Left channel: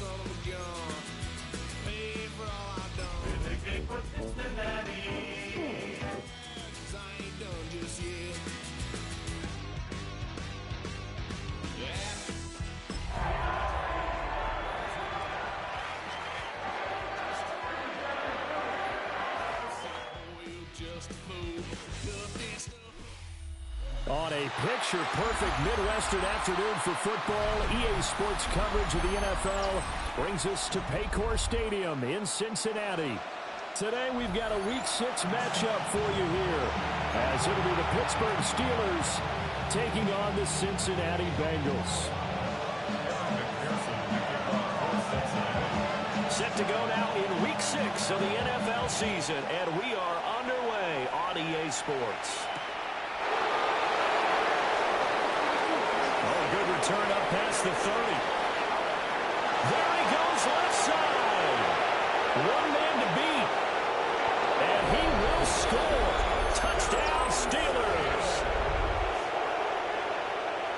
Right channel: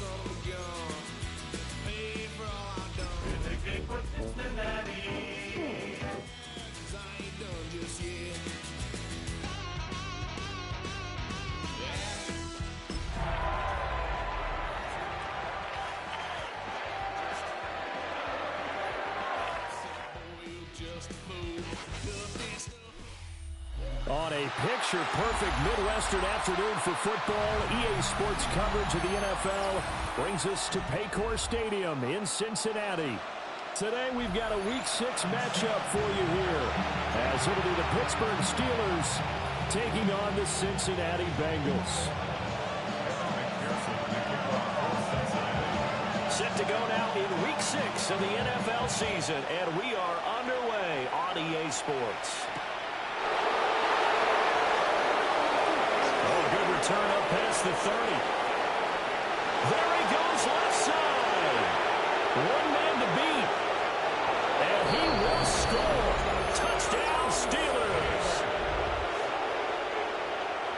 son of a gun. Pay for all I've done. Been for Cincinnati. 'Cause I ain't done just yet. On a picture-perfect Midwestern afternoon for football, EA Sports coverage of the NFL brings us to Paycor Stadium in Cincinnati. Today we've got a Week 6 matchup for you here, as it'll be the Pittsburgh Steelers taking on the Cincinnati Bengals. Set to go now in Week 6 of the NFL season, and we are underway on EA Sports. Oh, good return up past the 30. There he goes left side. One man to beat. And he will score. Touchdown, Steelers.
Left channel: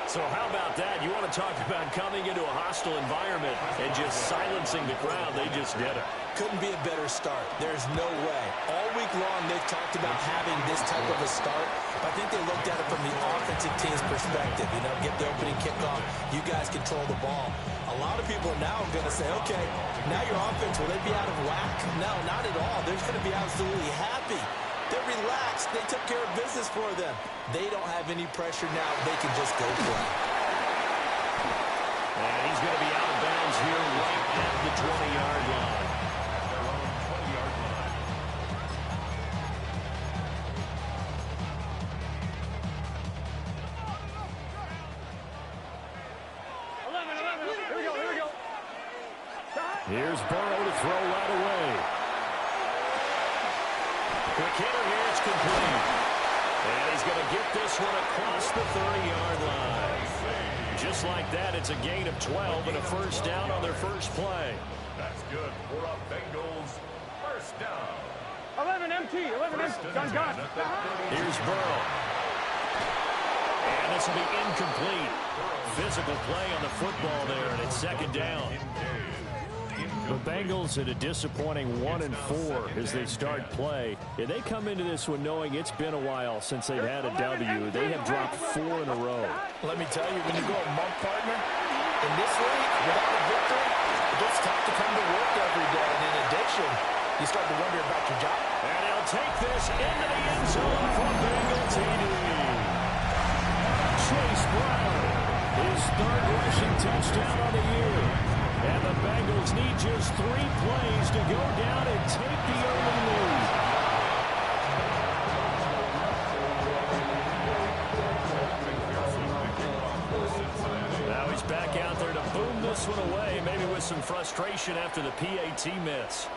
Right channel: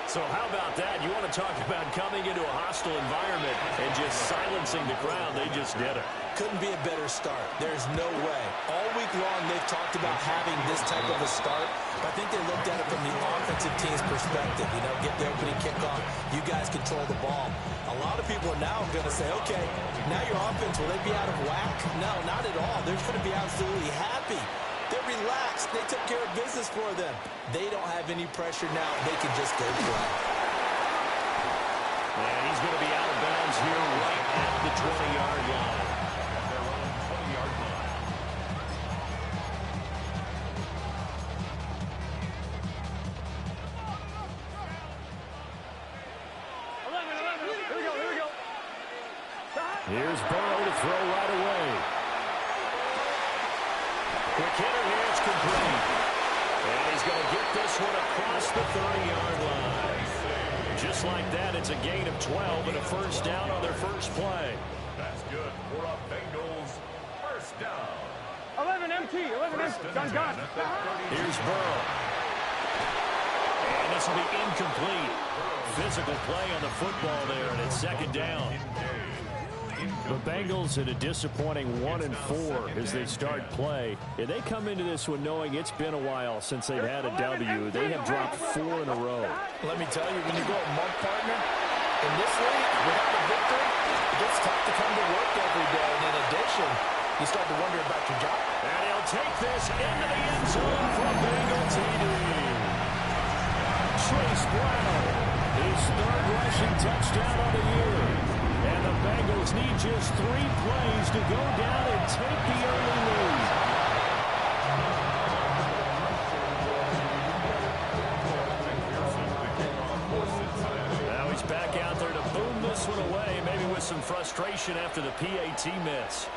So how about that? You want to talk about coming into a hostile environment and just silencing the crowd. They just did it. Couldn't be a better start. There's no way. All week long, they've talked about having this type of a start, but I think they looked at it from the offensive team's perspective. You know, get the opening kickoff. You guys control the ball. A lot of people are now going to say, okay, now your offense, will they be out of whack? No, not at all. They're going to be absolutely happy. They're relaxed. They took care of business for them. They don't have any pressure now. They can just go play. And he's going to be out of bounds here right at the 20-yard line. At their own 20-yard line. Here we go. Here's Burrow to throw right away. Quick hitter here, it's complete. And he's going to get this one across the 30-yard line. Just like that, it's a gain of 12 and a first down on their first play. That's good for a Bengals first down. 11 MT. Gun. Here's Burrow. And this will be incomplete. Physical play on the football there, and it's second down. The Bengals at a disappointing 1-4 as they start play. And they come into this one knowing it's been a while since they've had a W. They have dropped 4 in a row. Let me tell you, when you go a month, partner, in this league, without a victory, it gets tough to come to work every day. And in addition, you start to wonder about your job. And he'll take this into the end zone for a Bengal TD. Chase Brown, his third rushing touchdown on the year. And the Bengals need just 3 plays to go down and take the early lead. Now he's back out there to boom this one away, maybe with some frustration after the PAT miss.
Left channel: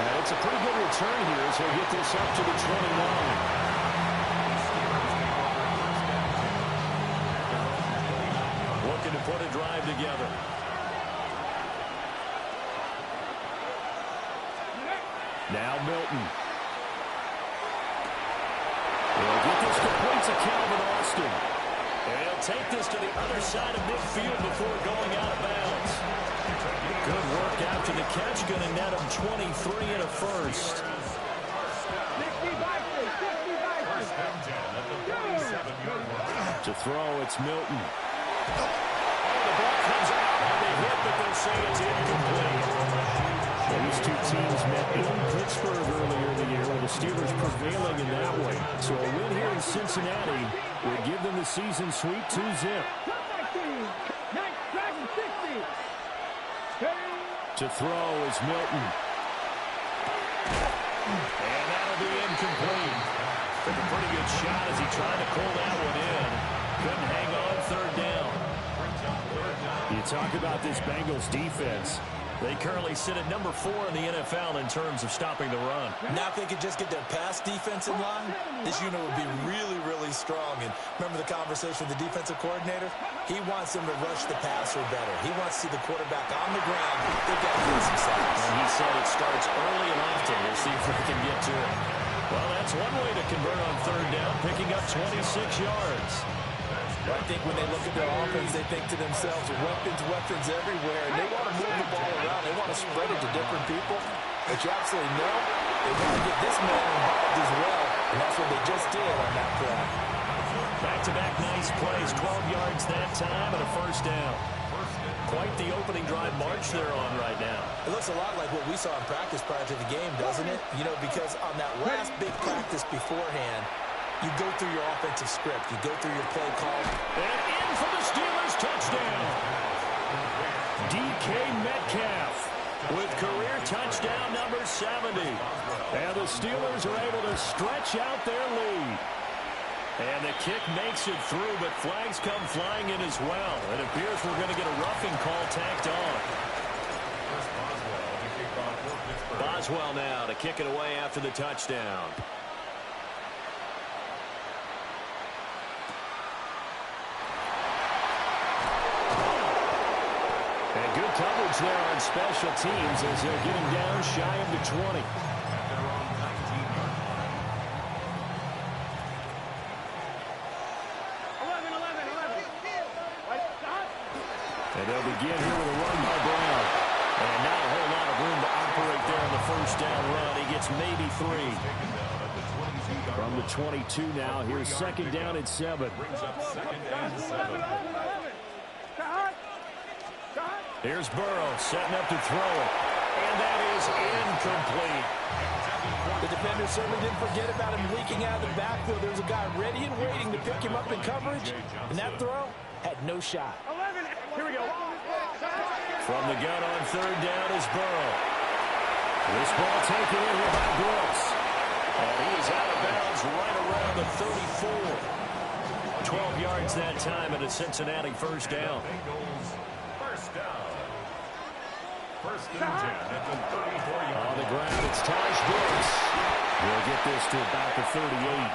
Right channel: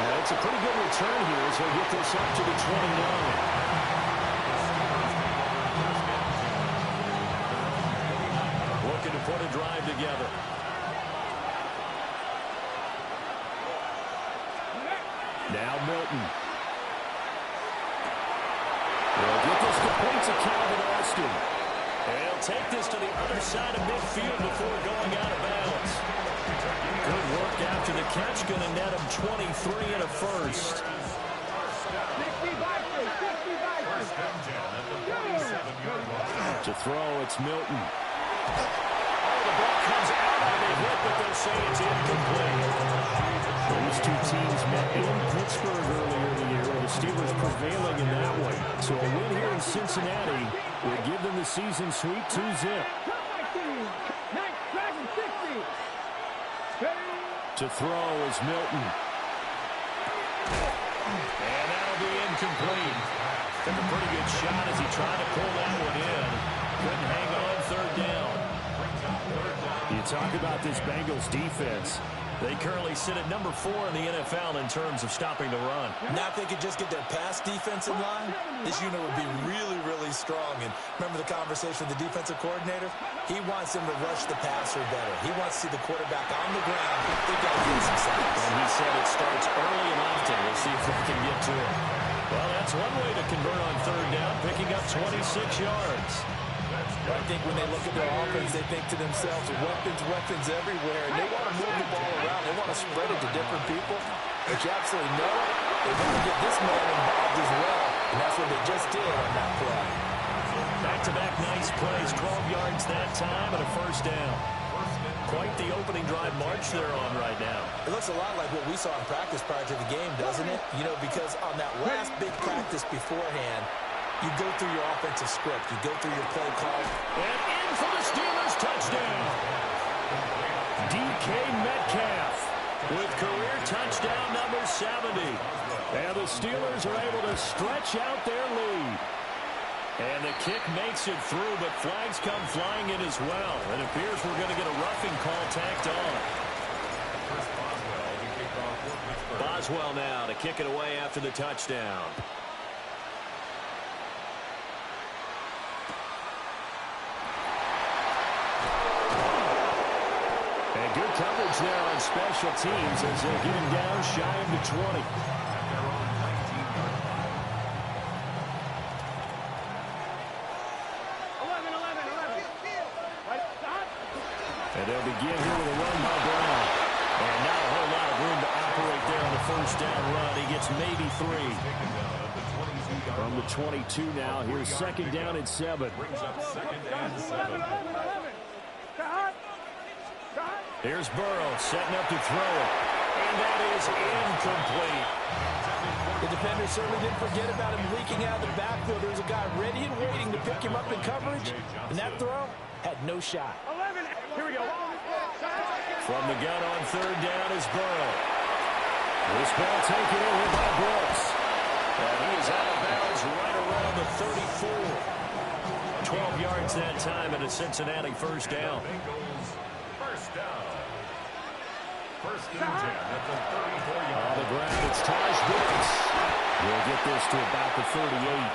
And it's a pretty good return here as he'll get this up to the 29. Looking to put a drive together. Now Milton. He'll get this complete to Calvin Austin. And he'll take this to the other side of midfield before going out of bounds. Good work after the catch. Going to net him 23 and a first. To throw, it's Milton. Oh, the ball comes out on the hit, but they'll say it's incomplete. These two teams met in Pittsburgh earlier in the year, with the Steelers prevailing in that one. So a win here in Cincinnati would give them the season sweep 2-zip. To throw is Milton. And that'll be incomplete. Took a pretty good shot as he tried to pull that one in. Couldn't hang on third down. You talk about this Bengals defense. They currently sit at number 4 in the NFL in terms of stopping the run. Now if they could just get their pass defense in line, this unit would be really, really strong. And remember the conversation with the defensive coordinator? He wants them to rush the passer better. He wants to see the quarterback on the ground. They've got to get some sacks. And he said it starts early and often. We'll see if they can get to it. Well, that's one way to convert on third down, picking up 26 yards. I think when they look at their offense, they think to themselves, weapons everywhere, and they want to move the ball around. They want to spread it to different people. But you absolutely know they want to get this man involved as well, and that's what they just did on that play. Back-to-back nice plays, 12 yards that time, and a first down. Quite the opening drive march they're on right now. It looks a lot like what we saw in practice prior to the game, doesn't it? You know, because on that last big practice beforehand, you go through your offensive script. You go through your play call. And in for the Steelers touchdown. DK Metcalf with career touchdown number 70. And the Steelers are able to stretch out their lead. And the kick makes it through, but flags come flying in as well. It appears we're going to get a roughing call tacked on. Boswell now to kick it away after the touchdown. And good coverage there on special teams as they'll get him down shy of the 20. And they'll begin here with a run by Brown. And not a whole lot of room to operate there on the first down run. He gets maybe 3. From the 22 now, here's second down and 7. Here's Burrow setting up to throw it. And that is incomplete. The defender certainly didn't forget about him leaking out of the backfield. There's a guy ready and waiting to pick him up in coverage. And that throw had no shot. 11. Here we go. From the gun on third down is Burrow. This ball taken in here by Brooks. And he is out of bounds right around the 34. 12 yards that time and a Cincinnati first down. First down. First and 10 at the 34-yard line. On the ground, it's Taj Brooks. He'll get this to about the 38.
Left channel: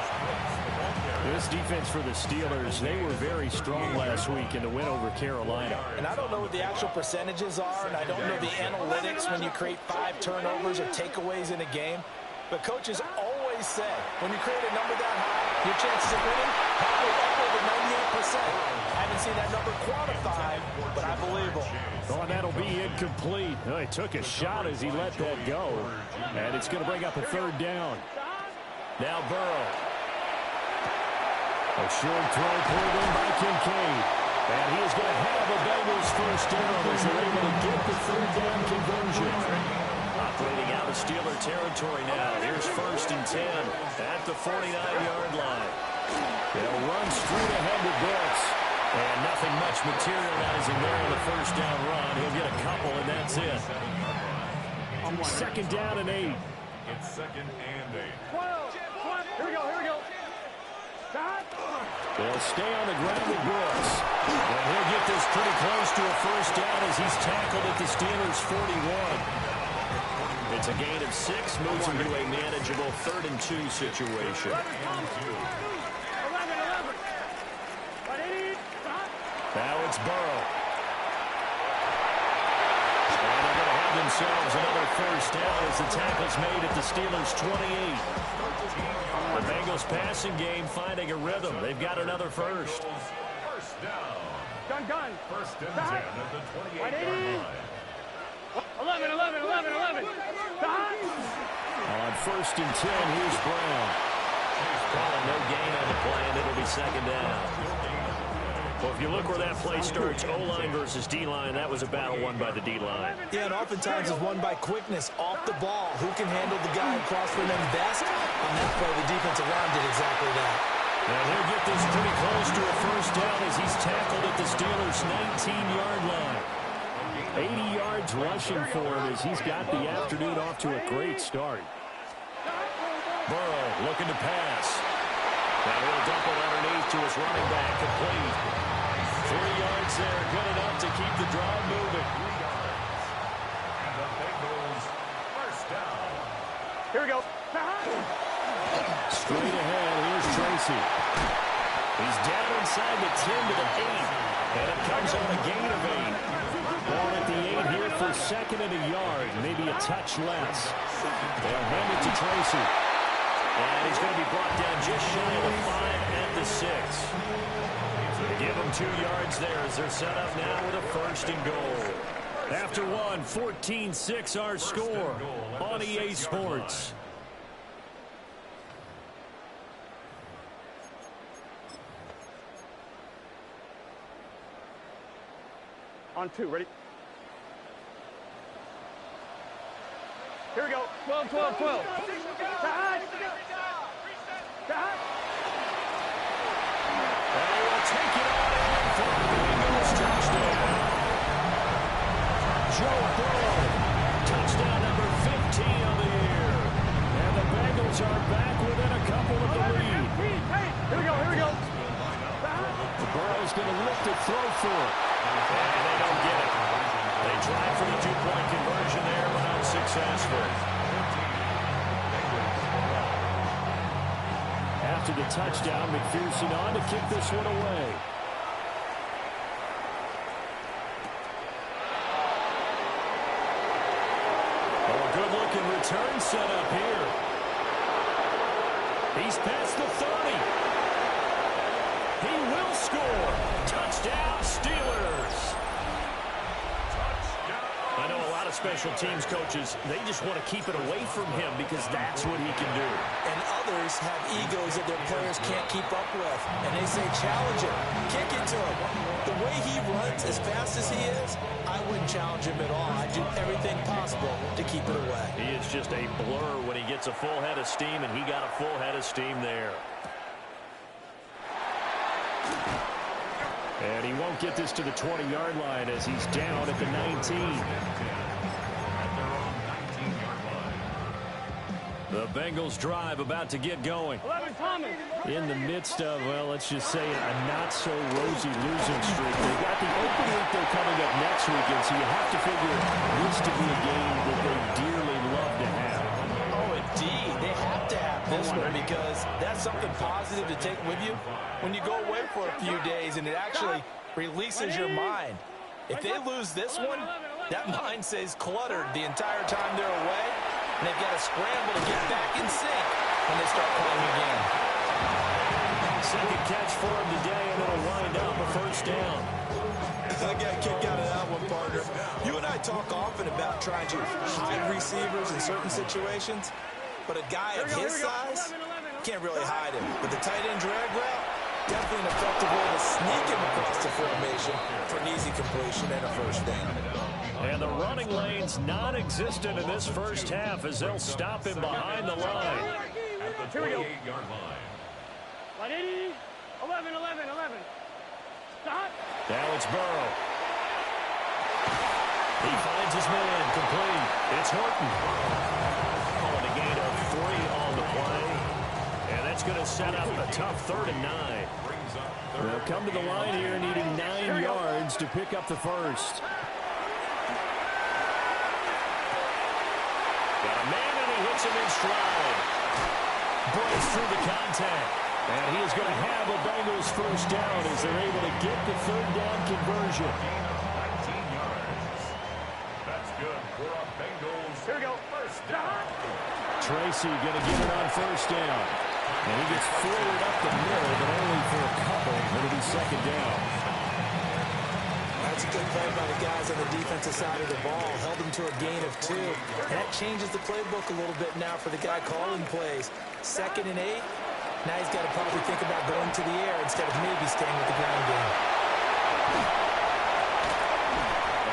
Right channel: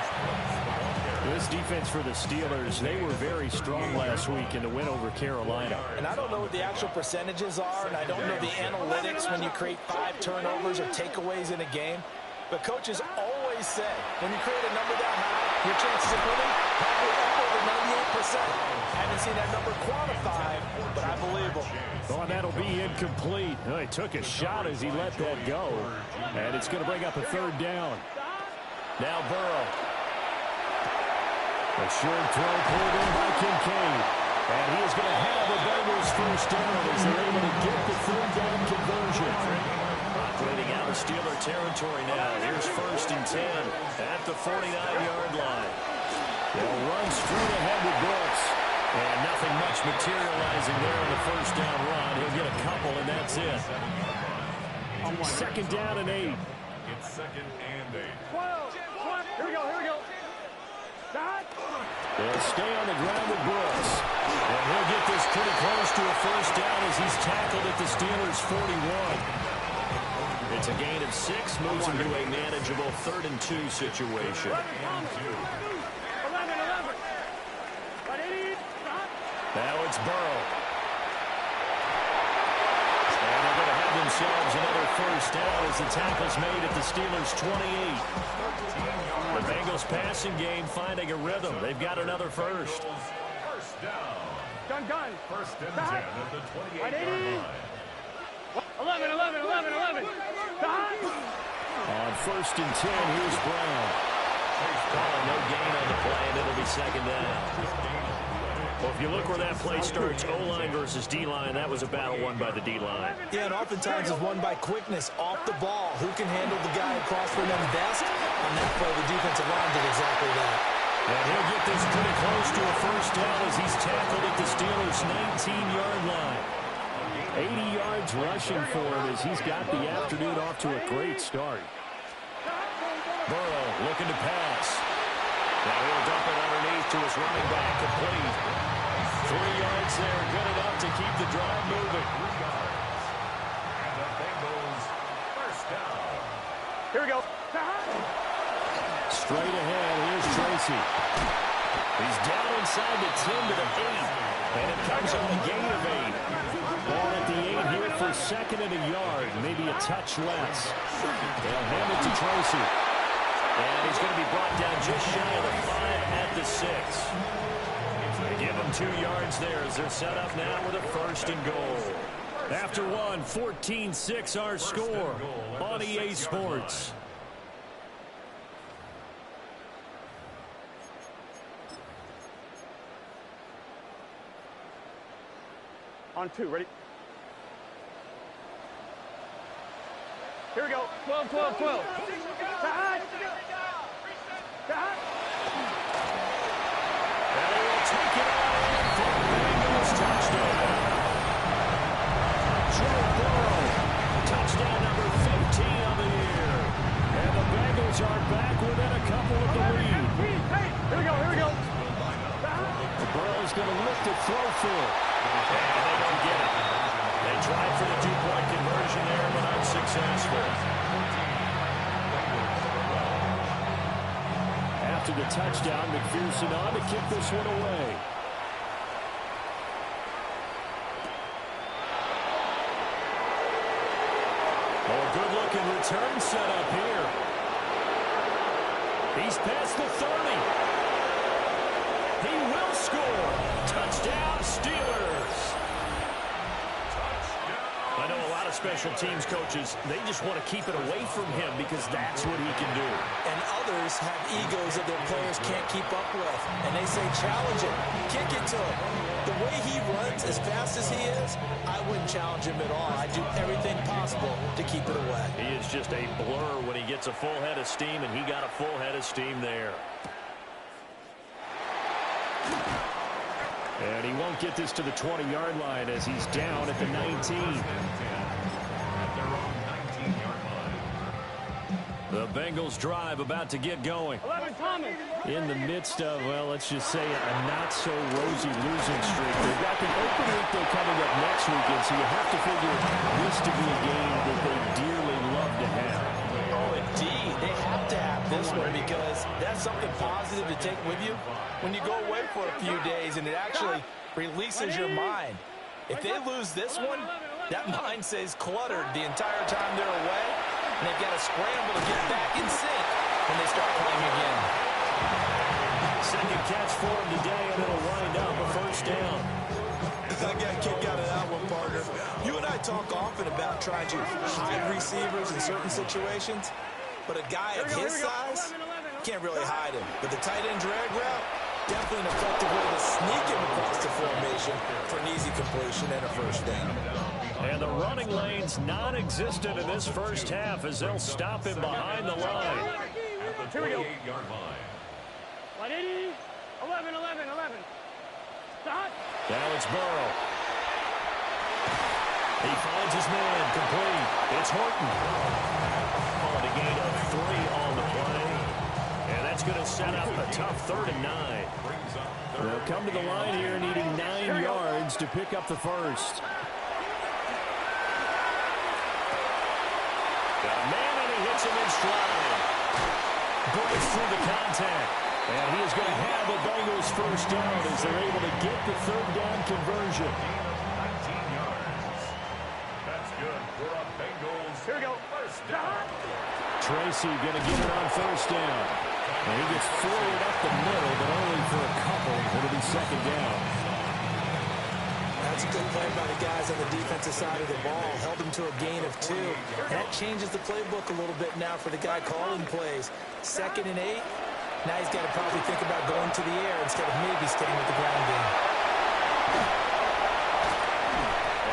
This defense for the Steelers, they were very strong last week in the win over Carolina. And I don't know what the actual percentages are, and I don't know the analytics when you create 5 turnovers or takeaways in a game. But coaches always say, when you create a number that high, your chances of winning probably up over 98%. I haven't seen that number quantified, but I believe them. Oh, and that'll be incomplete. Oh, he took a shot as he let that go. And it's going to bring up a third down. Now Burrow. A short throw pulled in by Kincaid. And he is going to have the Bengals first down as they're able to get the third down conversion. Operating out of Steeler territory now. Here's first and 10 at the 49-yard line. They'll run straight ahead with Brooks. And nothing much materializing there on the first down run. He'll get a couple, and that's it. Second down and 8. It's second and 8. 12. Here we go. Here we go. They'll stay on the ground with Brooks. And he'll get this pretty close to a first down as he's tackled at the Steelers' 41. It's a gain of 6, moves him to a manageable 3rd and 2 situation. 11. Now it's Burrow. And they're going to have themselves another first down as the tackle's made at the Steelers' 28. The Bengals passing game finding a rhythm. They've got another first. First down. Gun. First and 10 at the 28-yard line. 11. On first and 10, here's Brown. Calling no gain on the play, and it'll be second down. Well, if you look where that play starts, O-line versus D-line, that was a battle won by the D-line. Yeah, and oftentimes it's won by quickness off the ball. Who can handle the guy across from them best? On that play, the defensive line did exactly that. And he'll get this pretty close to a first down as he's tackled at the Steelers' 19-yard line. 80 yards rushing for him as he's got the afternoon off to a great start. Burrow looking to pass. Now he'll dump it underneath to his running back, complete. 3 yards there, good enough to keep the drive moving. 3 yards. And the Bengals first down. Here we go. Straight ahead, here's Tracy. He's down inside the 10 to the 8. And it comes on a gain of 8. Ball at the 8 here for second and a yard, maybe a touch less. They'll hand it to Tracy. And he's going to be brought down just shy of the 5 at the 6. They give him 2 yards there as they're set up now with a 1st and goal. After one, 14-6 our score on EA Sports. On 2, ready? Here we go. 12, 12, 12. Side. Side. And he will take it on in for a Bengals touchdown. Joe Burrow, touchdown number 15 of the year. And the Bengals are back within a couple of the lead. Here we go, here we go. Burrow's going to lift it, throw for it. And they don't get it. They tried for the 2-point conversion there, but unsuccessful. After the touchdown, McPherson on to kick this one away. Oh, a good-looking return set up here. He's past the 30. He will score. Touchdown, Steelers. I know a lot of special teams coaches, they just want to keep it away from him because that's what he can do. And others have egos that their players can't keep up with. And they say, challenge him, kick it to him. The way he runs as fast as he is, I wouldn't challenge him at all. I'd do everything possible to keep it away. He is just a blur when he gets a full head of steam, and he got a full head of steam there. And he won't get this to the 20-yard line as he's down at the 19. At their own 19-yard line. The Bengals drive about to get going. 11, Thomas. In the midst of, well, let's just say a not-so-rosy losing streak. They've got the open week though coming up next weekend, so you have to figure this to be a game that they dearly love to have. Oh, indeed. They have to have this one because that's something positive to take with you when you go away for a few days, and it actually releases your mind. If they lose this one, that mind stays cluttered the entire time they're away, and they've got to scramble to get back in sync when they start playing again. Second catch for him today, and it'll wind up a 1st down. I got a kick out of that one, partner. You and I talk often about trying to hide receivers in certain situations, but a guy of his size can't really hide him. But the tight end drag route, definitely an effective way to sneak him across the formation for an easy completion and a 1st down. And the running lane's non-existent in this first half as they'll stop him behind the line. At the 28-yard line. 180, 11, 11, 11. Stop. Now it's Burrow. He finds his man, complete. It's Horton. Calling a gain of 3 on the play. And that's going to set up a tough 3rd and 9. They'll come to the line here needing 9 yards to pick up the 1st. Got a man and he hits him in stride. Breaks through the contact. And he is going to have a Bengals 1st down as they're able to get the 3rd down conversion. Gain of 19 yards. That's good for a Bengals. Here we go. 1st down. Tracy going to get it on 1st down. And he gets forward up the middle, but only for a couple. It'll be 2nd down. That's a good play by the guys on the defensive side of the ball. Held them to a gain of 2. And that changes the playbook a little bit now for the guy calling plays. 2nd and 8. Now he's got to probably think about going to the air instead of maybe staying with the ground game.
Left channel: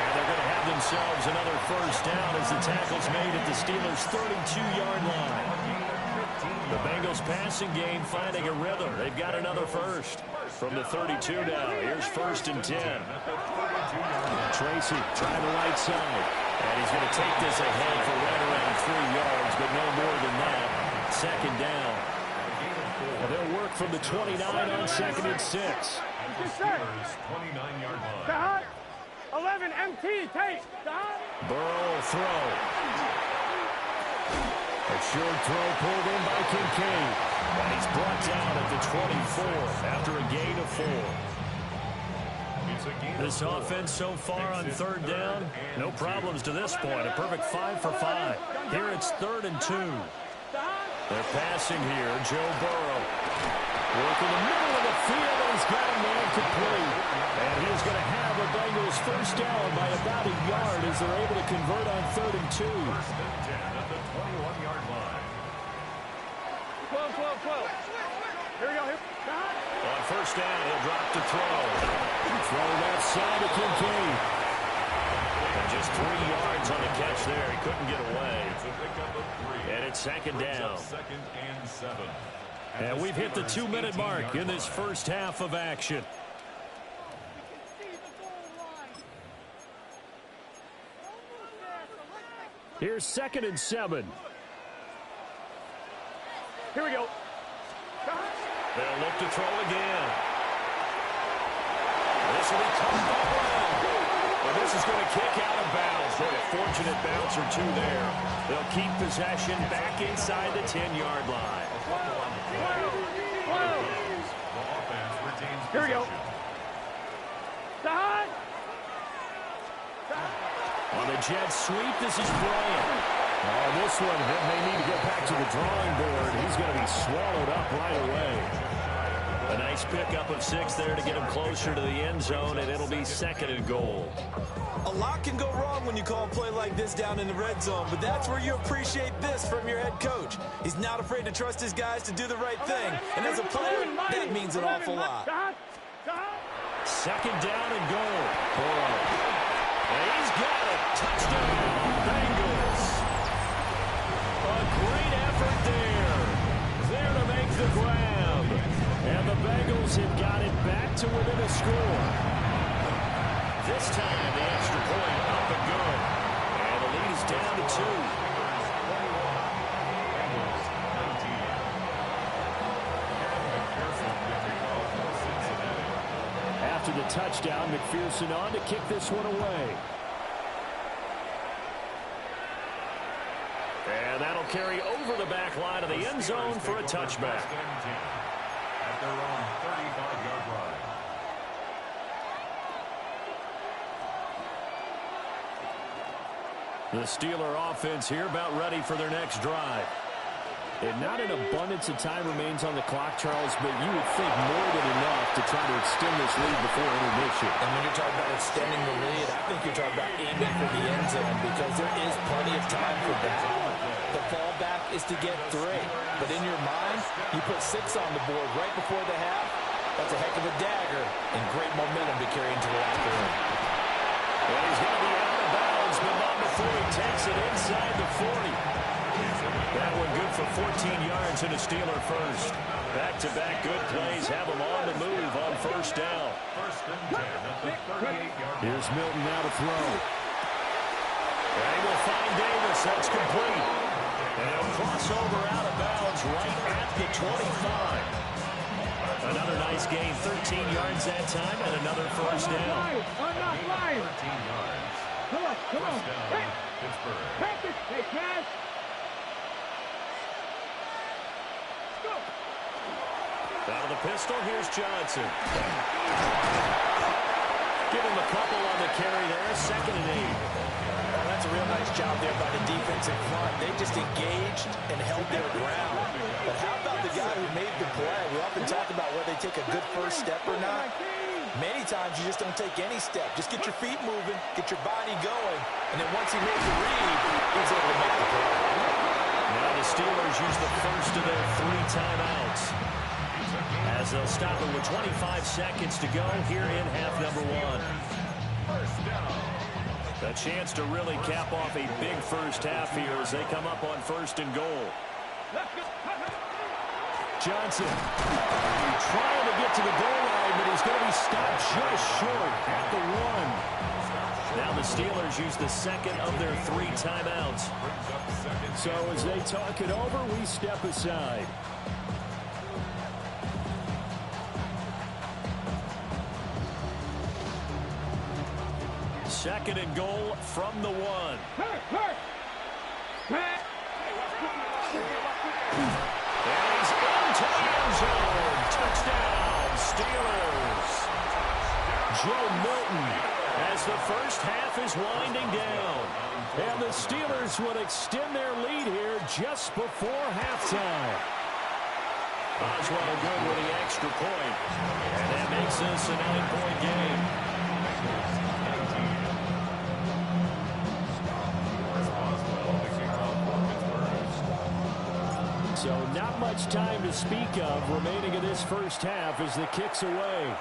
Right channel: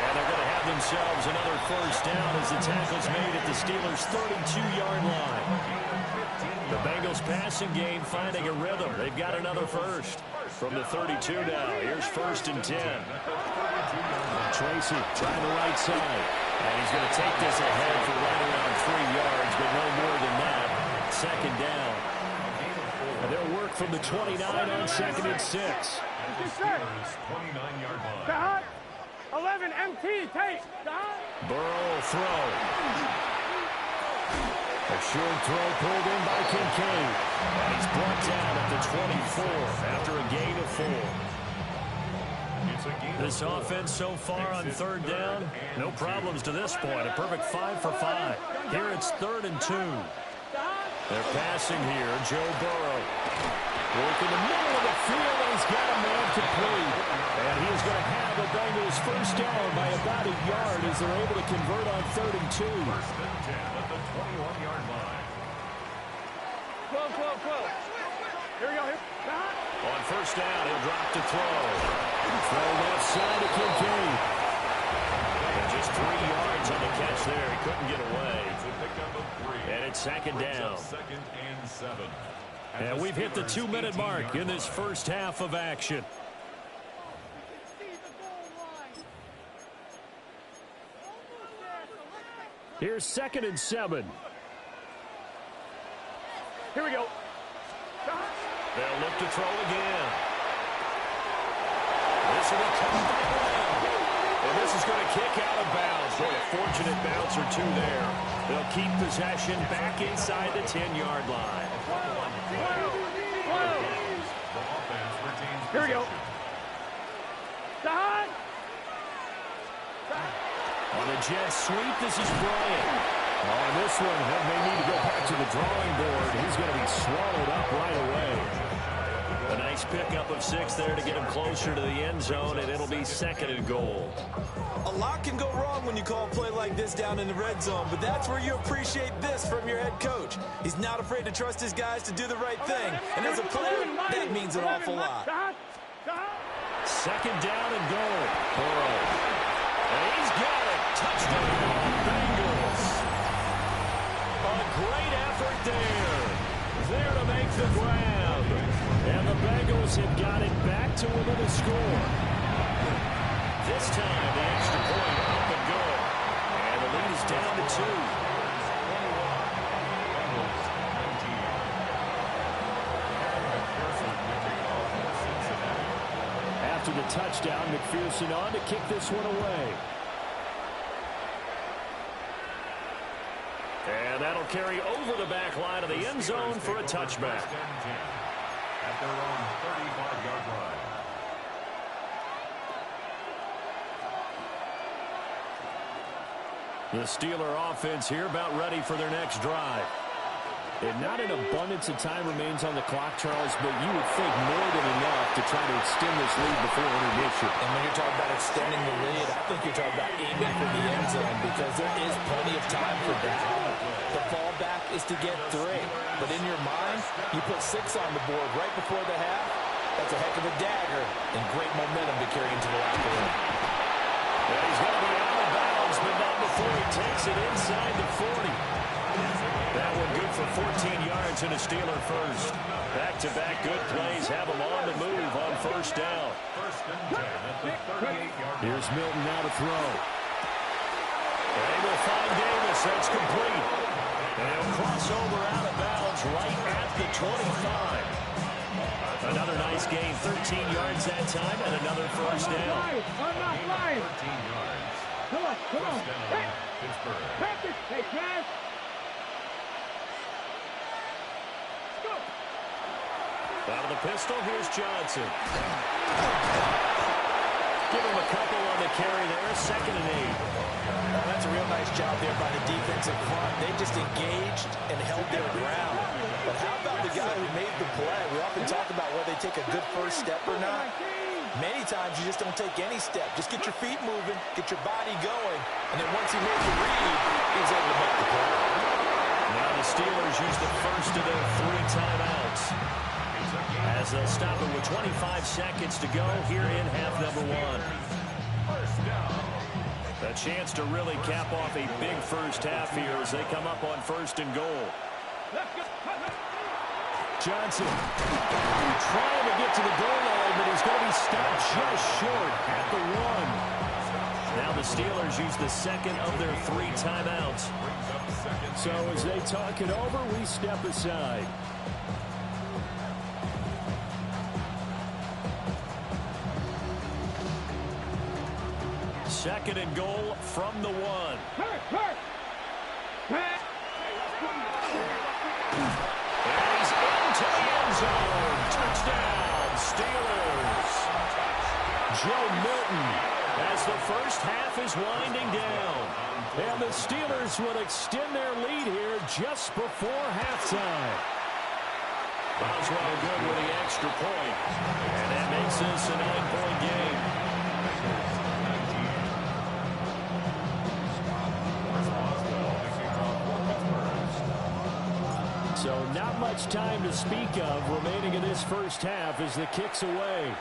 And they're going to have themselves another 1st down as the tackle's made at the Steelers' 32-yard line. The Bengals passing game finding a rhythm. They've got another 1st. From the 32 now, here's 1st and 10. Tracy trying the right side. And he's going to take this ahead for right around 3 yards, but no more than that. 2nd down. And they'll work from the 29 on 2nd and 6. At the Steelers' 29-yard line. Stop. 11, MT, take. Stop. Burrow throw. A short throw pulled in by Kincaid. And he's brought down at the 24 after a gain of 4. This offense so far on 3rd down, no problems to this point. A perfect 5 for 5. Here it's 3rd and 2. Stop. They're passing here. Joe Burrow working the middle of the field, and he's got a man complete. And he is going to have a Bengals first down by about a yard as they're able to convert on 3rd and 2. First and 10 at the 21-yard line. 12, 12, 12. Here we go. Here. On first down, he'll drop to throw. Throw left side to Kincaid. And just 3 yards on the catch there. He couldn't get away. It's a pickup of 3. And it's second down. Second and 7. And we've hit the 2-minute mark in this first half of action. Here's 2nd and 7. Here we go. They'll look to throw again. This will be caught by Brown. Well, this is going to kick out of bounds. Boy, a fortunate bounce or 2 there. They'll keep possession back inside the 10-yard line. The offense retains Here we go. possession. Side. On the jet sweep, this is Bryant. On this one, may need to go back to the drawing board. He's going to be swallowed up right away. A nice pickup of 6 there to get him closer to the end zone, and it'll be 2nd and goal. A lot can go wrong when you call a play like this down in the red zone, but that's where you appreciate this from your head coach. He's not afraid to trust his guys to do the right thing, and as a player, that means an awful lot. 2nd down and goal. Burrow. And he's got it. Touchdown, Bengals. A great effort there. There to make the grab. And the Bengals have got it back to within a score. This time, the extra point up and good. And the lead is down to 2. After the touchdown, McPherson on to kick this one away. And that'll carry over the back line of the end zone for a touchback. At their own 35-yard line. The Steeler offense here about ready for their next drive. And not an abundance of time remains on the clock, Charles, but you would think more than enough to try to extend this lead before intermission. And when you're talking about extending the lead, I think you're talking about aiming for the end zone because there is plenty of time for that. The fallback is to get 3. But in your mind, you put 6 on the board right before the half. That's a heck of a dagger and great momentum to carry into the locker room. And he's going to be out of bounds, but not before he takes it inside the 40. That one good for 14 yards and a Steeler first. Back-to-back good plays have them on the move on first down. First and 10 at the 38-yard line. Here's Milton now to throw. They will find Davis. That's complete. And he'll cross over out of bounds right at the 25. Another nice gain, 13 yards that time, and another first down. I'm not lying. 13 yards. Come on. First down, Pittsburgh. Practice. Hey, Cash. Go. Out of the pistol, here's Johnson. Give him a couple on the carry there, 2nd and 8. Well, that's a real nice job there by the defensive front. They just engaged and held their ground. But how about the guy who made the play? We often talk about whether they take a good first step or not. Many times you just don't take any step. Just get your feet moving, get your body going, and then once he made the read, he was able to make the play. Now the Steelers use the first of their 3 timeouts, as they'll stop it with 25 seconds to go here in half number 1. First down. A chance to really cap off a big first half here as they come up on 1st and goal. Johnson trying to get to the goal line, but he's going to be stopped just short at the 1. Now the Steelers use the 2nd of their 3 timeouts. So as they talk it over, we step aside. Second and goal from the 1. And he's into the end zone. Touchdown, Steelers. Joe Milton as the first half is winding down. And the Steelers will extend their lead here just before halftime. Boswell good with the extra point. And that makes this a 9-point game. So not much time to speak of remaining in this first half as the kick's away.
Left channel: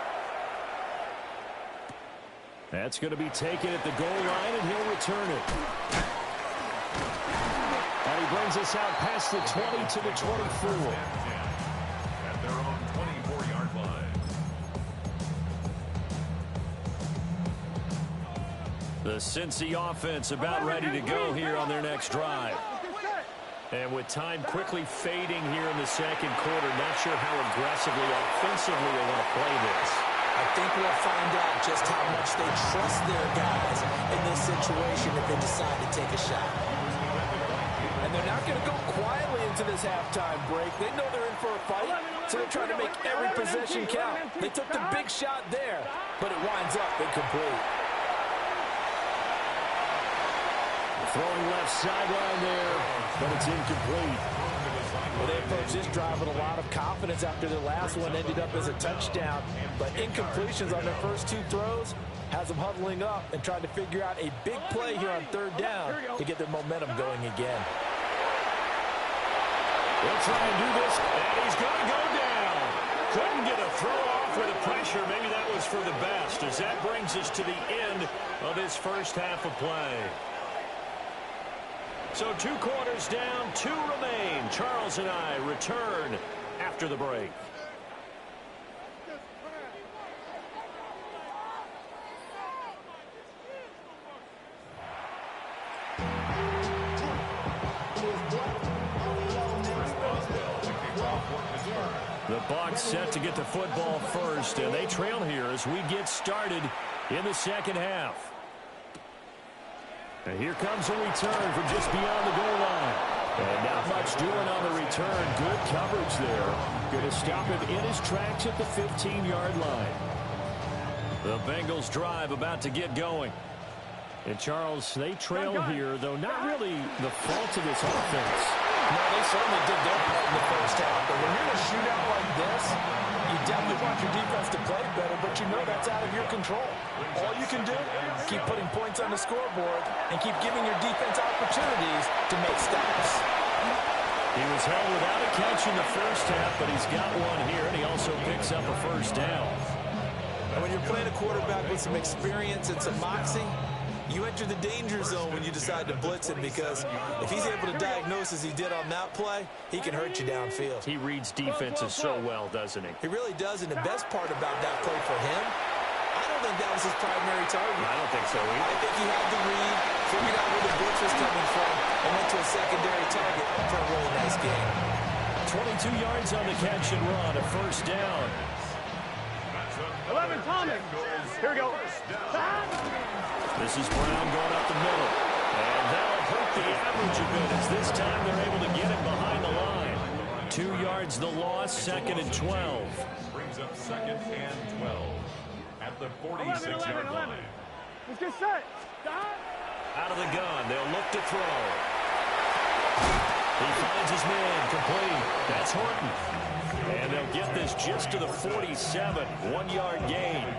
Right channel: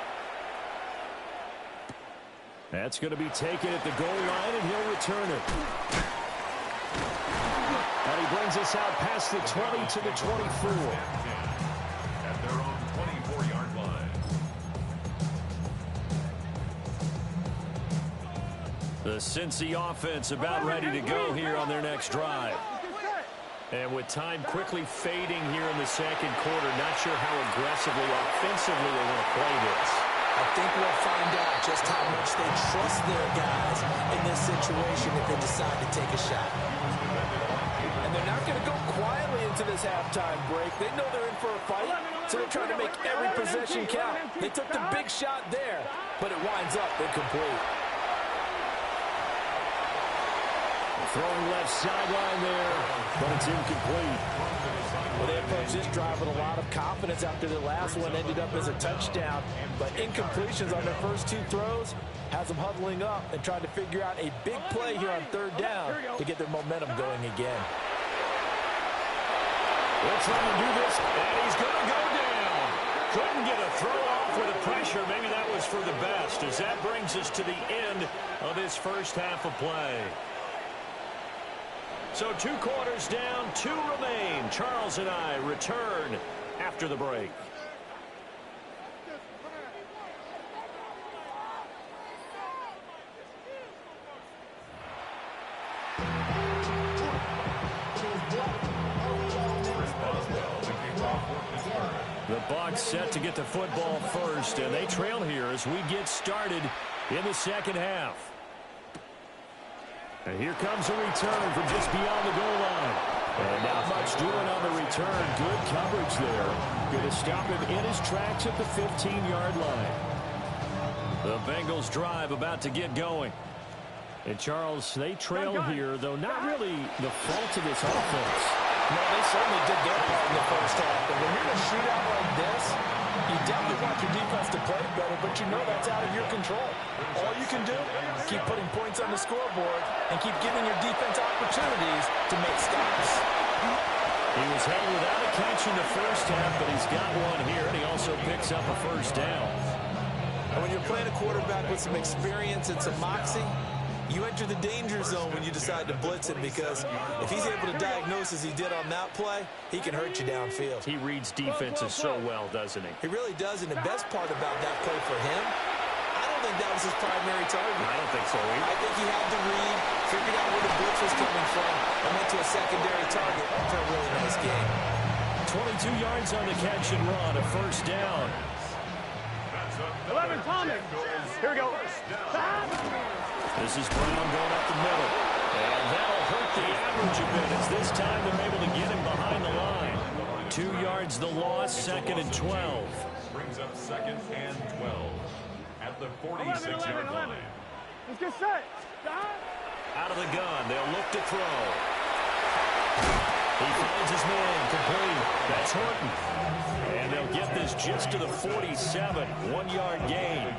That's going to be taken at the goal line, and he'll return it. And he brings us out past the 20 to the 24. At their own 24-yard line. The Cincy offense about ready to go here on their next drive. And with time quickly fading here in the second quarter, not sure how aggressively, offensively they want to play this. I think we'll find out just how much they trust their guys in this situation if they decide to take a shot. And they're not going to go quietly into this halftime break. They know they're in for a fight, so they're trying to make every possession count. They took the big shot there, but it winds up incomplete. Throwing left sideline there, but it's incomplete. Well, they approached this drive with a lot of confidence after their last one ended up as a touchdown. But incompletions on their first two throws has them huddling up and trying to figure out a big play here on third down to get their momentum going again. They'll try and do this, and he's going to go down. Couldn't get a throw off with the pressure. Maybe that was for the best, as that brings us to the end of this first half of play. So 2 quarters down, 2 remain. Charles and I return after the break. The Bucs set to get the football first, and they trail here as we get started in the second half. And here comes a return from just beyond the goal line. And not much doing on the return. Good coverage there. Going to stop him in his tracks at the 15-yard line. The Bengals drive about to get going. And Charles, they trail here, though not really the fault of this offense. No, they certainly did their part in the first half. But when you're in a shootout like this, you definitely want your defense to play better, but you know that's out of your control. All you can do, keep putting points on the scoreboard and keep giving your defense opportunities to make stops. He was held without a catch in the first half, but he's got one here, and he also picks up a first down. And when you're playing a quarterback with some experience and some moxie, you enter the danger zone when you decide to blitz him, because if he's able to diagnose as he did on that play, he can hurt you downfield. He reads defenses so well, doesn't he? He really does, and the best part about that play for him, I don't think that was his primary target. I don't think so either. I think he had to read, figured out where the blitz was coming from, and went to a secondary target for a really nice game. 22 yards on the catch and run, a first down. 11, Tommy. Here we go. This is Brown going up the middle. And that'll hurt the average a bit, as this time they're able to get him behind the line. 2 yards the loss, 2nd and 12. Brings up 2nd and 12 at the 46-yard line. Let's get set. Out of the gun, they'll look to throw. He finds his man, complete. That's Horton. And they'll get this just to the 47, 1-yard gain.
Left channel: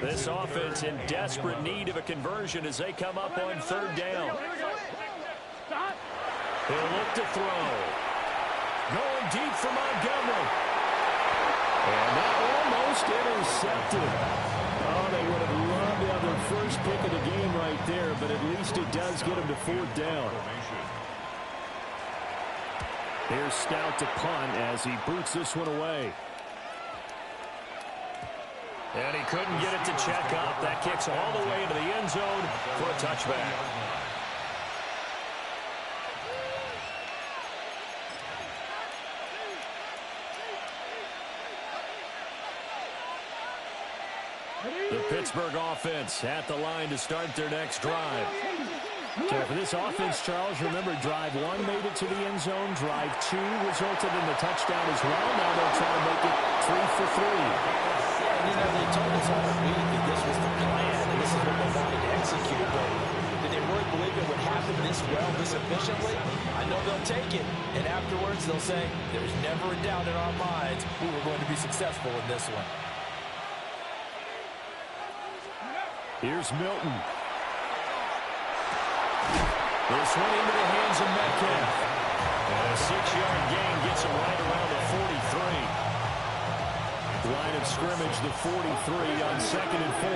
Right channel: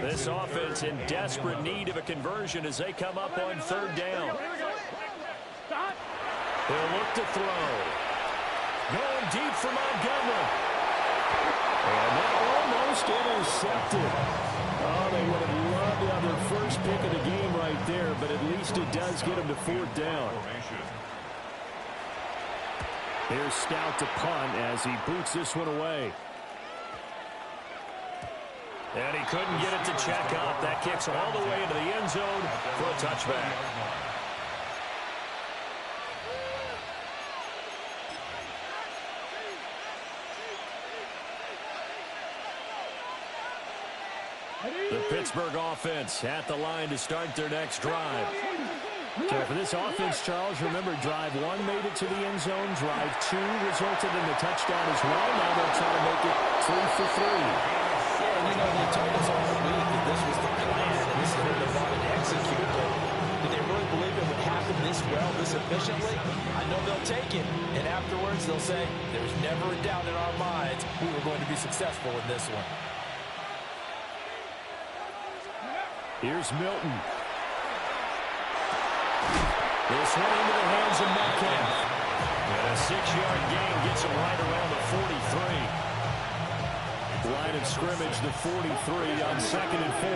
This offense in desperate need of a conversion as they come up on third down. He'll look to throw. Going deep for Montgomery. And that almost intercepted. Oh, they would have loved to have their first pick of the game right there, but at least it does get them to 4th down. Here's Stout to punt as he boots this one away. And he couldn't get it to check up. That kicks all the way into the end zone for a touchback. The Pittsburgh offense at the line to start their next drive. So for this offense, Charles, remember, drive 1 made it to the end zone. Drive 2 resulted in the touchdown as well. Now they'll try to make it 3 for 3. Yeah, and you know, they told us all week that this was the plan and this is what they wanted to execute, but did they really believe it would happen this well, this efficiently? I know they'll take it, and afterwards they'll say, there's never a doubt in our minds we were going to be successful in this one. Here's Milton. This one into the hands of Metcalf. And a 6-yard gain gets him right around the 43. Line of scrimmage, the 43 on 2nd and 4.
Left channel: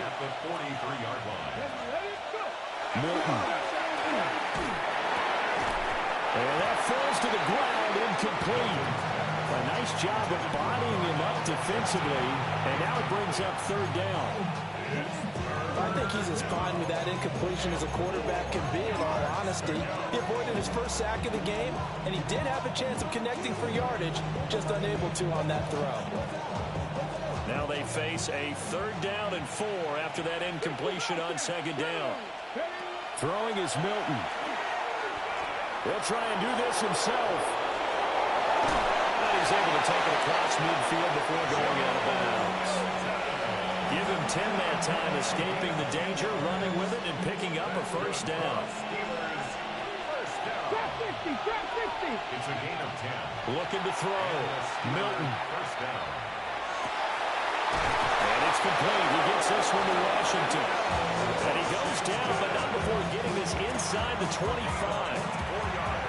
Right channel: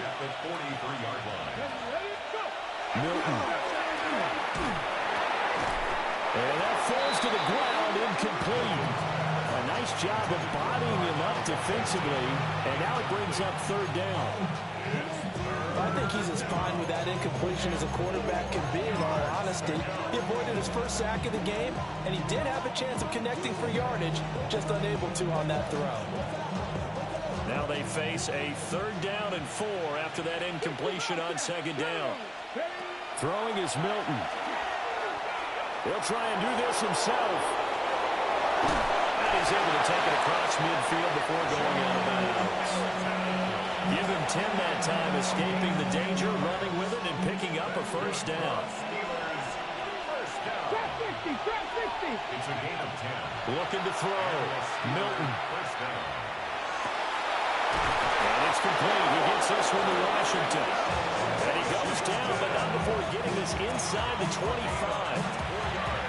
At the 43-yard line. Milton. And that falls to the ground, incomplete. A nice job of bodying him up defensively. And now it brings up 3rd down. I think he's as fine with that incompletion as a quarterback can be, in all honesty. He avoided his first sack of the game, and he did have a chance of connecting for yardage, just unable to on that throw. Now they face a 3rd down and 4 after that incompletion on 2nd down. Throwing is Milton. He'll try and do this himself. And he's able to take it across midfield before going out of bounds. Give him 10 that time, escaping the danger, running with it, and picking up a 1st down. It's a gain of 10. Looking to throw. Milton. 1st down. And it's complete. He gets this one to Washington. And he goes down, but not before getting this inside the 25.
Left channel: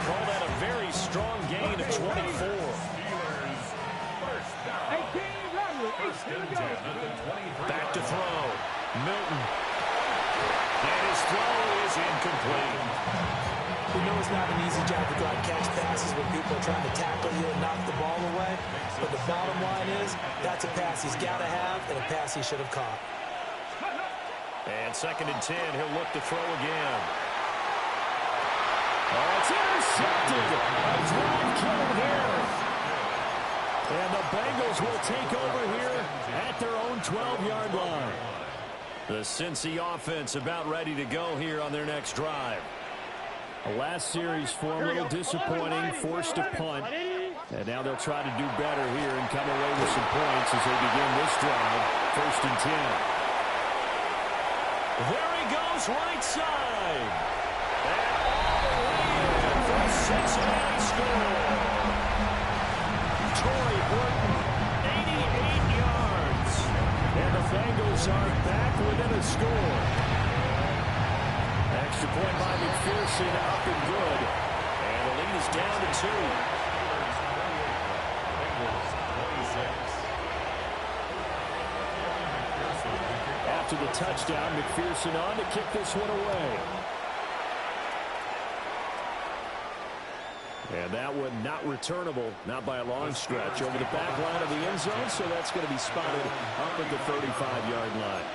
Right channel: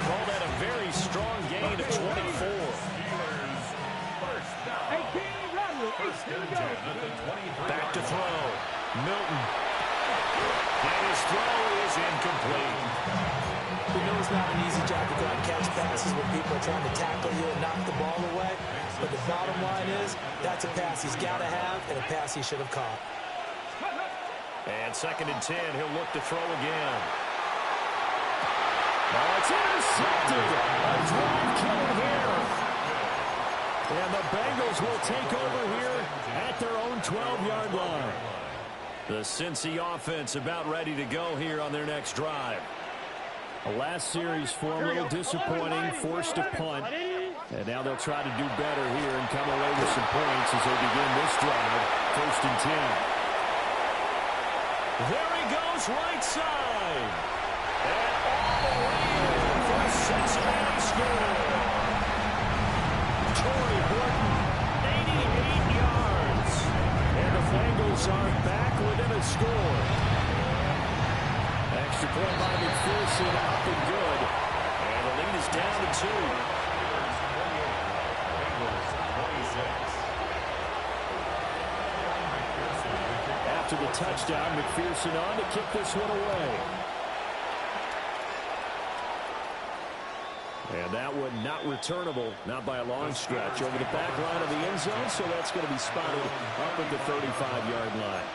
Call that a very strong gain of 24. Steelers, 1st down. 1st and 10 at the 23. Back to throw. Milton. And his throw is incomplete. You know it's not an easy job to go out and catch passes when people are trying to tackle you and knock the ball away. But the bottom line is, that's a pass he's got to have and a pass he should have caught. And 2nd and 10, he'll look to throw again. Oh, it's intercepted. A drive killer here. And the Bengals will take over here at their own 12-yard line. The Cincy offense about ready to go here on their next drive. The last series for them, a little disappointing, forced a punt. And now they'll try to do better here and come away with some points as they begin this drive. 1st and 10. There he goes, right side. And all the way in for a Cincinnati score. Torrey Horton, 88 yards. And the Bengals are back within a score. Extra point by McPherson, up and good. And the lead is down to 2. Bengals 26. After the touchdown, McPherson on to kick this one away. And that one not returnable, not by a long stretch, over the back line of the end zone, so that's going to be spotted up at the 35-yard line.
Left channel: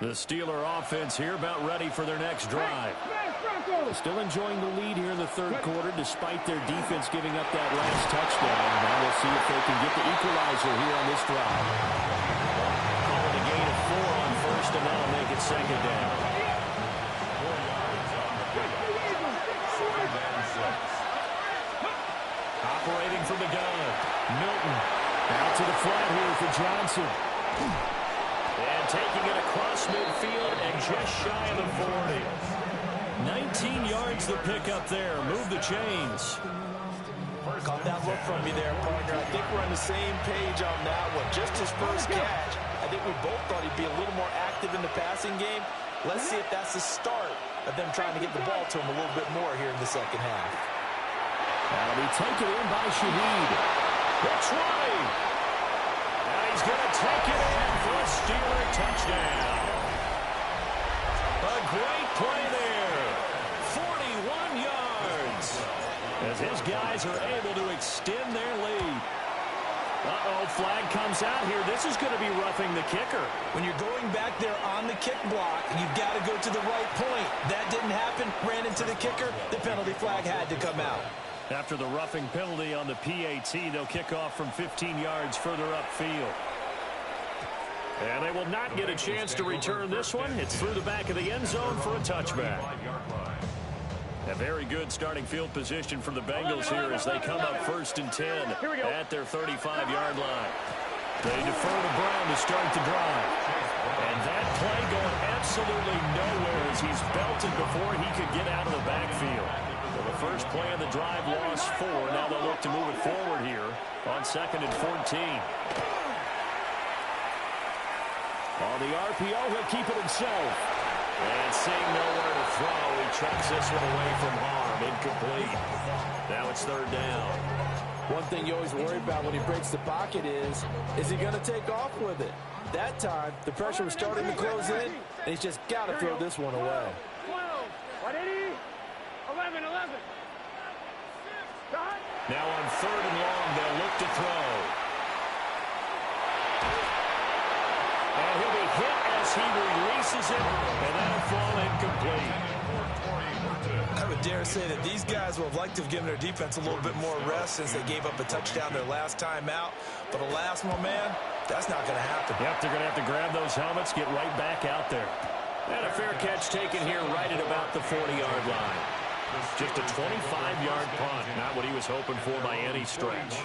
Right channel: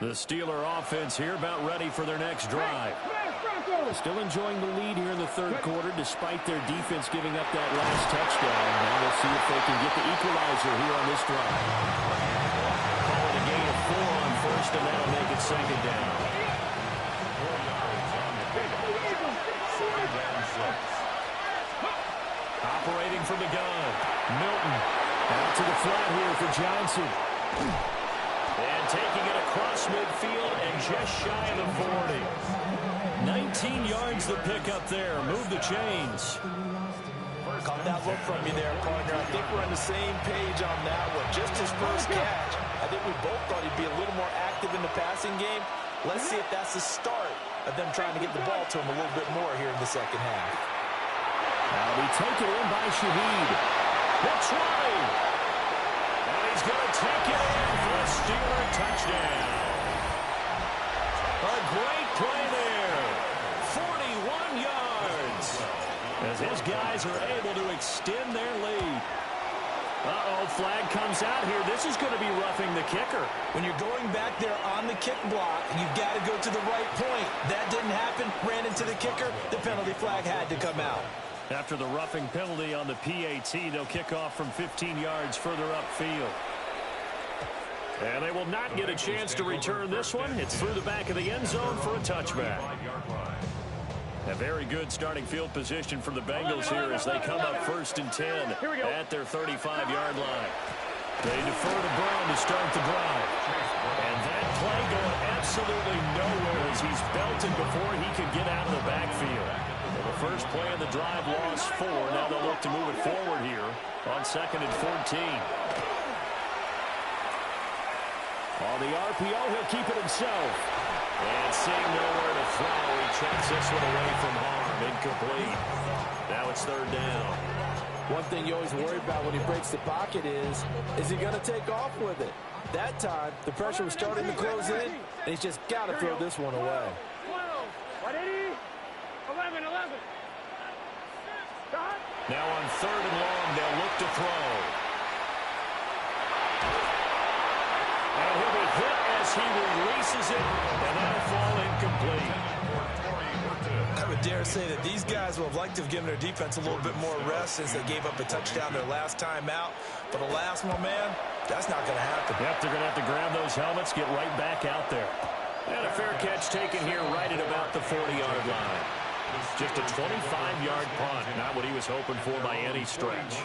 The Steeler offense here about ready for their next drive. Still enjoying the lead here in the 3rd quarter despite their defense giving up that last touchdown. Now we'll see if they can get the equalizer here on this drive. Call it a gain of 4 on 1st, and that'll make it 2nd down. 4 yards on the pickup. 2nd and 6. Operating from the gun. Milton out to the flat here for Johnson. And taking it across midfield and just shy of the 40. 19 yards the pickup there. Move the chains. Caught that look from you there, partner. I think we're on the same page on that one. Just his first catch. I think we both thought he'd be a little more active in the passing game. Let's see if that's the start of them trying to get the ball to him a little bit more here in the 2nd half. That'll be taken in by Shaheed. That's right. And he's going to take it in for a Steeler touchdown. A great play there. 41 yards. As his guys are able to extend their lead. Uh-oh, flag comes out here. This is going to be roughing the kicker. When you're going back there on the kick block, you've got to go to the right point. That didn't happen. Ran into the kicker. The penalty flag had to come out. After the roughing penalty on the PAT, they'll kick off from 15 yards further upfield. And they will not get a chance to return this one. It's through the back of the end zone for a touchback. A very good starting field position for the Bengals here as they come up 1st and 10 at their 35-yard line. They defer to Brown to start the drive. And that play going absolutely nowhere as he's belted before he could get out of the backfield. Well, the first play of the drive lost 4. Now they'll look to move it forward here on 2nd and 14. On the RPO, he'll keep it himself. And seeing nowhere to throw, he chucks this one away from harm. Incomplete. Now it's 3rd down. One thing you always worry about when he breaks the pocket is he going to take off with it? That time, the pressure was starting to close in, and he's just got to throw this one away. 12, 11. Now on 3rd and long, they'll look to throw. And he'll be hit as he releases it, and that'll fall incomplete. I would dare say that these guys would have liked to have given their defense a little bit more rest since they gave up a touchdown their last time out. But alas, my man, that's not going to happen. Yep, they're going to have to grab those helmets, get right back out there. And a fair catch taken here right at about the 40-yard line. Just a 25-yard punt, not what he was hoping for by any stretch.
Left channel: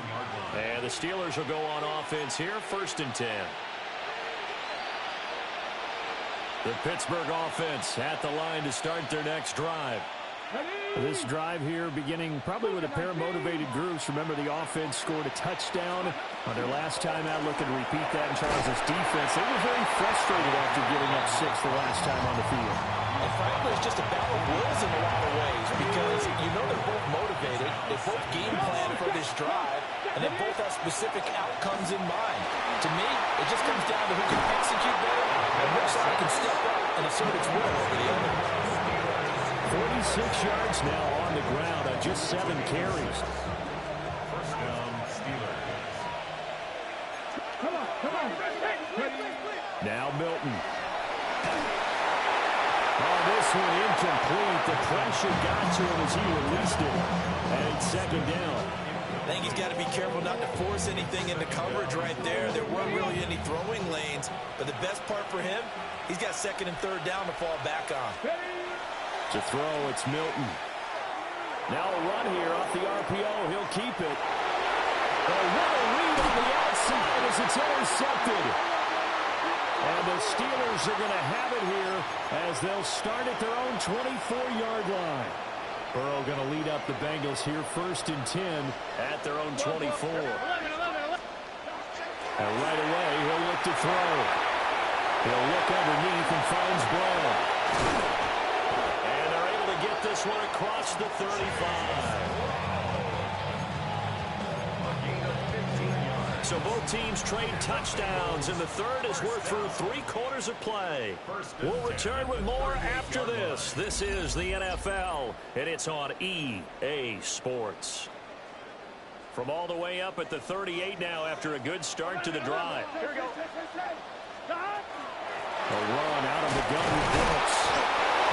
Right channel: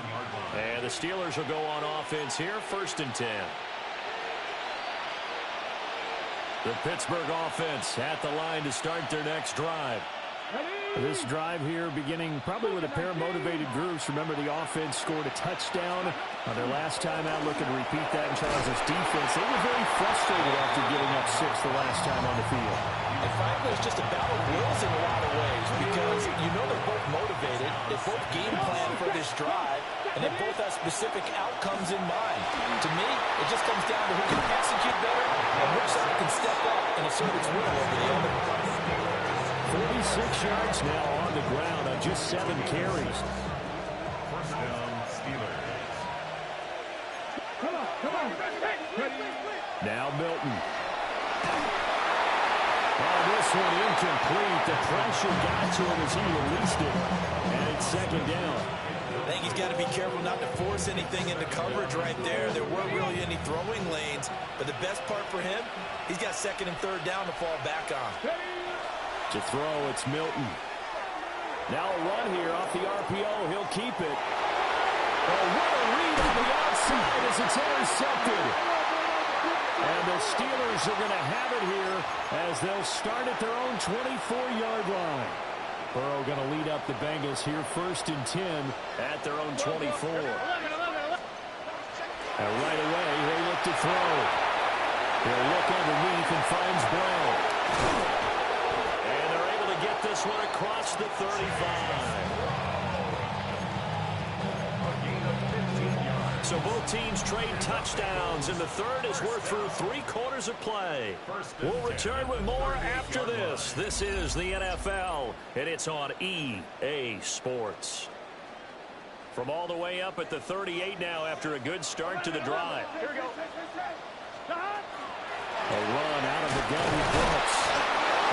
And the Steelers will go on offense here, 1st and 10. The Pittsburgh offense at the line to start their next drive. This drive here beginning probably with a pair of motivated groups. Remember, the offense scored a touchdown on their last time out. Looking to repeat that in Charles' defense. They were very frustrated after giving up 6 the last time on the field. And frankly, it's just a battle of wills in a lot of ways because you know they're both motivated. They both game plan for this drive, and they both have specific outcomes in mind. To me, it just comes down to who can execute better and which side can step up and assert its will over the other. 46 yards now on the ground on just 7 carries. 1st down, Steelers. Come on. Now Milton. Oh, this one incomplete. The pressure got to him as he released it. And it's 2nd down. I think he's got to be careful not to force anything into coverage right there. There weren't really any throwing lanes. But the best part for him, he's got 2nd and 3rd down to fall back on. To throw, it's Milton. Now a run here off the RPO. He'll keep it. Oh, what a read on the outside as it's intercepted. And the Steelers are going to have it here as they'll start at their own 24-yard line. Burrow going to lead up the Bengals here, 1st and 10 at their own 24. And right away, he'll look to throw. He'll look underneath and finds Brown. And they're able to get this one across the 35. So both teams trade touchdowns, and the third as we're through 3/4 of play. We'll return with more after this. This is the NFL, and it's on EA Sports. From all the way up at the 38 now after a good start to the drive. Here we go. A run out of the gun with Brooks.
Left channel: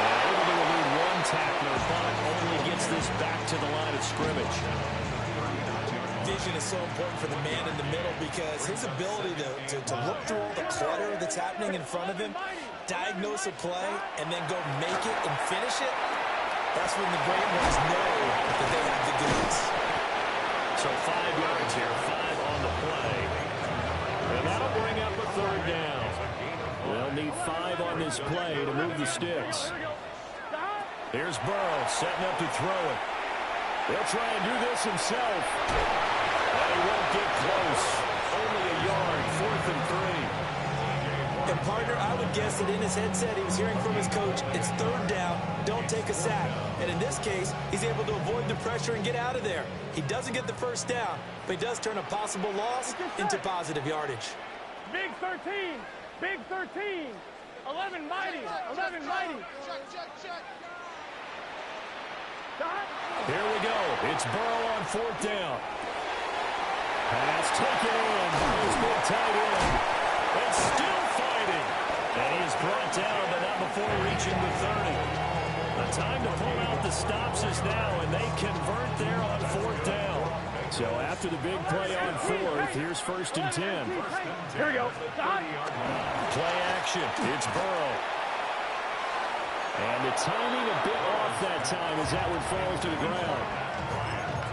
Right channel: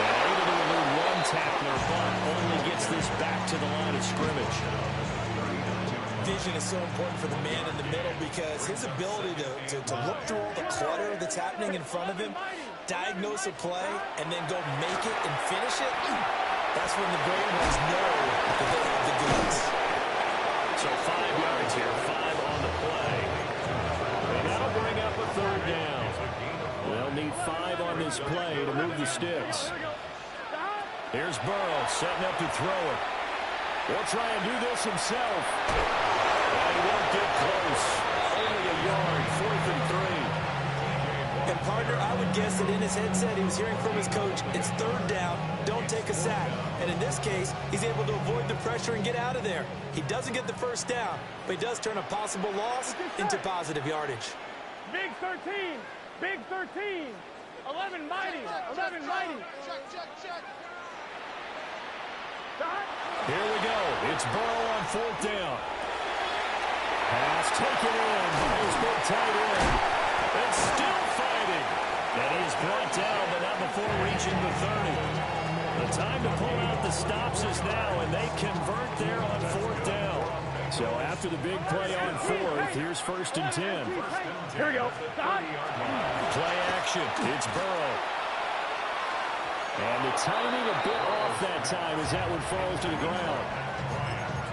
And able to elude one tackler, but only gets this back to the line of scrimmage. Vision is so important for the man in the middle because his ability to look through all the clutter that's happening in front of him, diagnose a play, and then go make it and finish it, that's when the great ones know that they have the goods. So 5 yards here, 5 on the play. And that'll bring up a 3rd down. They'll need 5 on this play to move the sticks. Here's Burrow setting up to throw it. He'll try and do this himself. And he won't get close. Only a yard, 4th and 3. And partner, I would guess that in his headset he was hearing from his coach, it's 3rd down, don't take a sack. And in this case, he's able to avoid the pressure and get out of there. He doesn't get the 1st down, but he does turn a possible loss into positive yardage. Big 13. Big 13. 11 mighty. 11 mighty. Check. Here we go. It's Burrow on 4th down. Pass taken in by his big tight end. And still fighting. And he is brought down, but not before reaching the 30. The time to pull out the stops is now, and they convert there on 4th down. So after the big play on fourth, here's 1st and 10. Here we go. Stop. Play action. It's Burrow. And the timing a bit off that time as that one falls to the ground.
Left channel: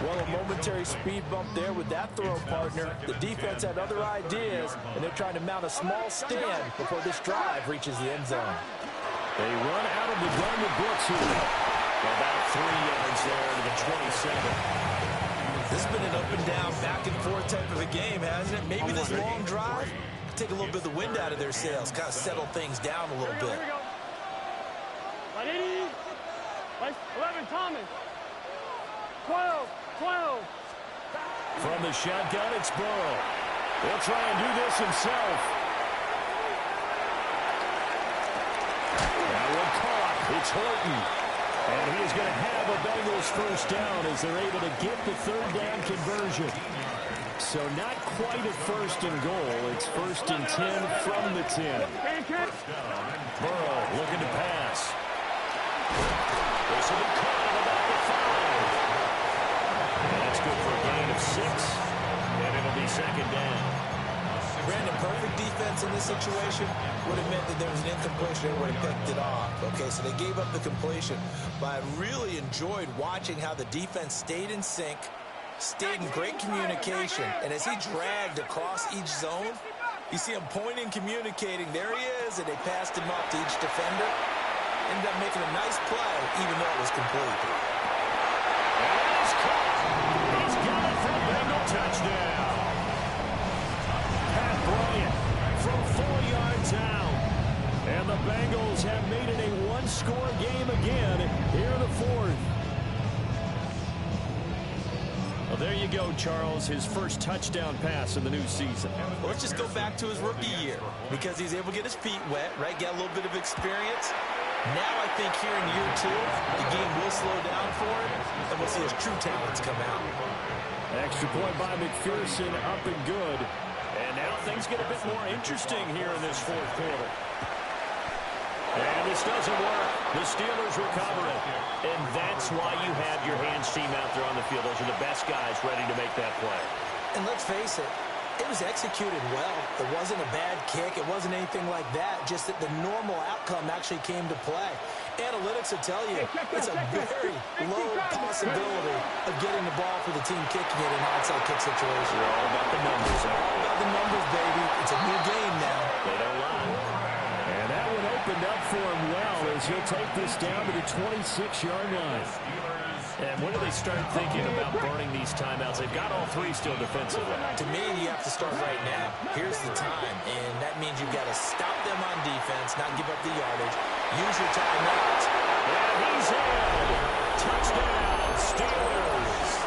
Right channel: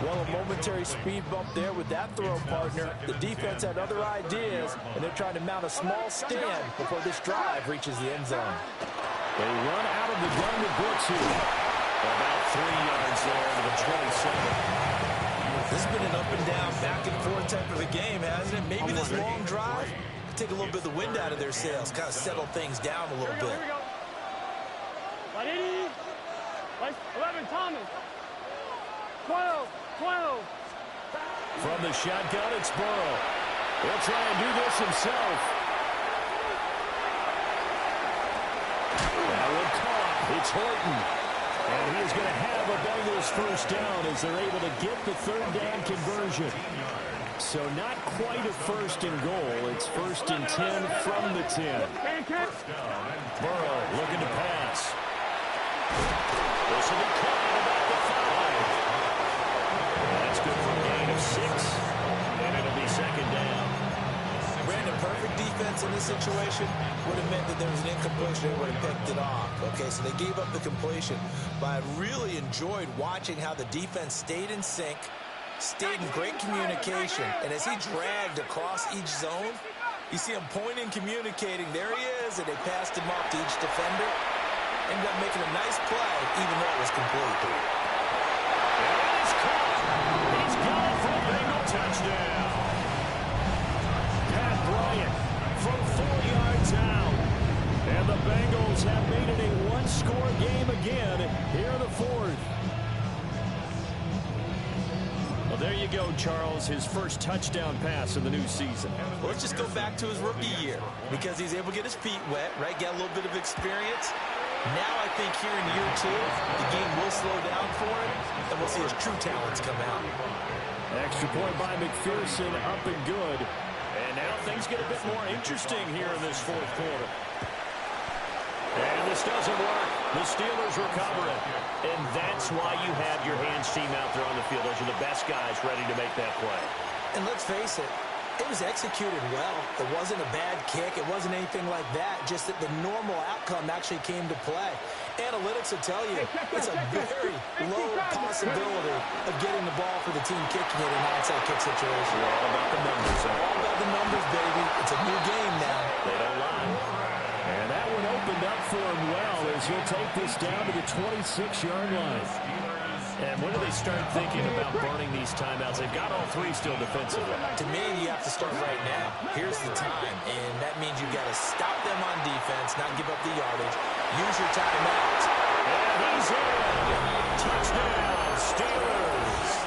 Well, a momentary speed bump there with that throw, partner. The defense had other ideas, and they're trying to mount a small stand before this drive reaches the end zone. They run out of the gun with blitz here. About 3 yards there to the 27. This has been an up and down, back and forth type of a game, hasn't it? Maybe this long drive could take a little bit of the wind out of their sails, kind of settle things down a little bit. Here we go. 180. 11, Thomas. 12. From the shotgun, it's Burrow. He'll try and do this himself. That one caught. It's Horton. And he is going to have a Bengals first down as they're able to get the 3rd down conversion. So not quite a 1st and goal. It's 1st and 10 from the 10. Burrow looking to pass. This will be caught at about the 5. And that's good for a gain of 6. And it'll be 2nd down. Brandon, perfect defense in this situation would have meant that there was an incompletion. They would have picked it off. Okay, so they gave up the completion. But I really enjoyed watching how the defense stayed in sync, stayed in great communication. And as he dragged across each zone, you see him pointing, communicating. There he is, and they passed him off to each defender. Ended up making a nice play, even though it was complete. And it is caught. He's got it for a Bengal touchdown. Pat Bryant from 4 yards out. And the Bengals have made it a one-score game again here in the 4th. Well, there you go, Charles, his first touchdown pass of the new season. Well, let's just go back to his rookie year because he's able to get his feet wet, right? Get a little bit of experience. Now I think here in year 2, the game will slow down for him, and we'll see his true talents come out. Extra point by McPherson, up and good. And now things get a bit more interesting here in this 4th quarter. And this doesn't work. The Steelers recover it. And that's why you have your hands team out there on the field. Those are the best guys ready to make that play. And let's face it, it was executed well. It wasn't a bad kick. It wasn't anything like that. Just that the normal outcome actually came to play. Analytics will tell you it's a very low possibility of getting the ball for the team kicking it in an onside kick situation. They're all about the numbers. All about the numbers, baby. It's a new game now. They don't lie. And that one opened up for him well as he'll take this down to the 26-yard line. And when do they start thinking about burning these timeouts? They've got all 3 still defensively. To me, you have to start right now. Here's the time, and that means you've got to stop them on defense, not give up the yardage. Use your timeouts. And he's in. Touchdown, Steelers.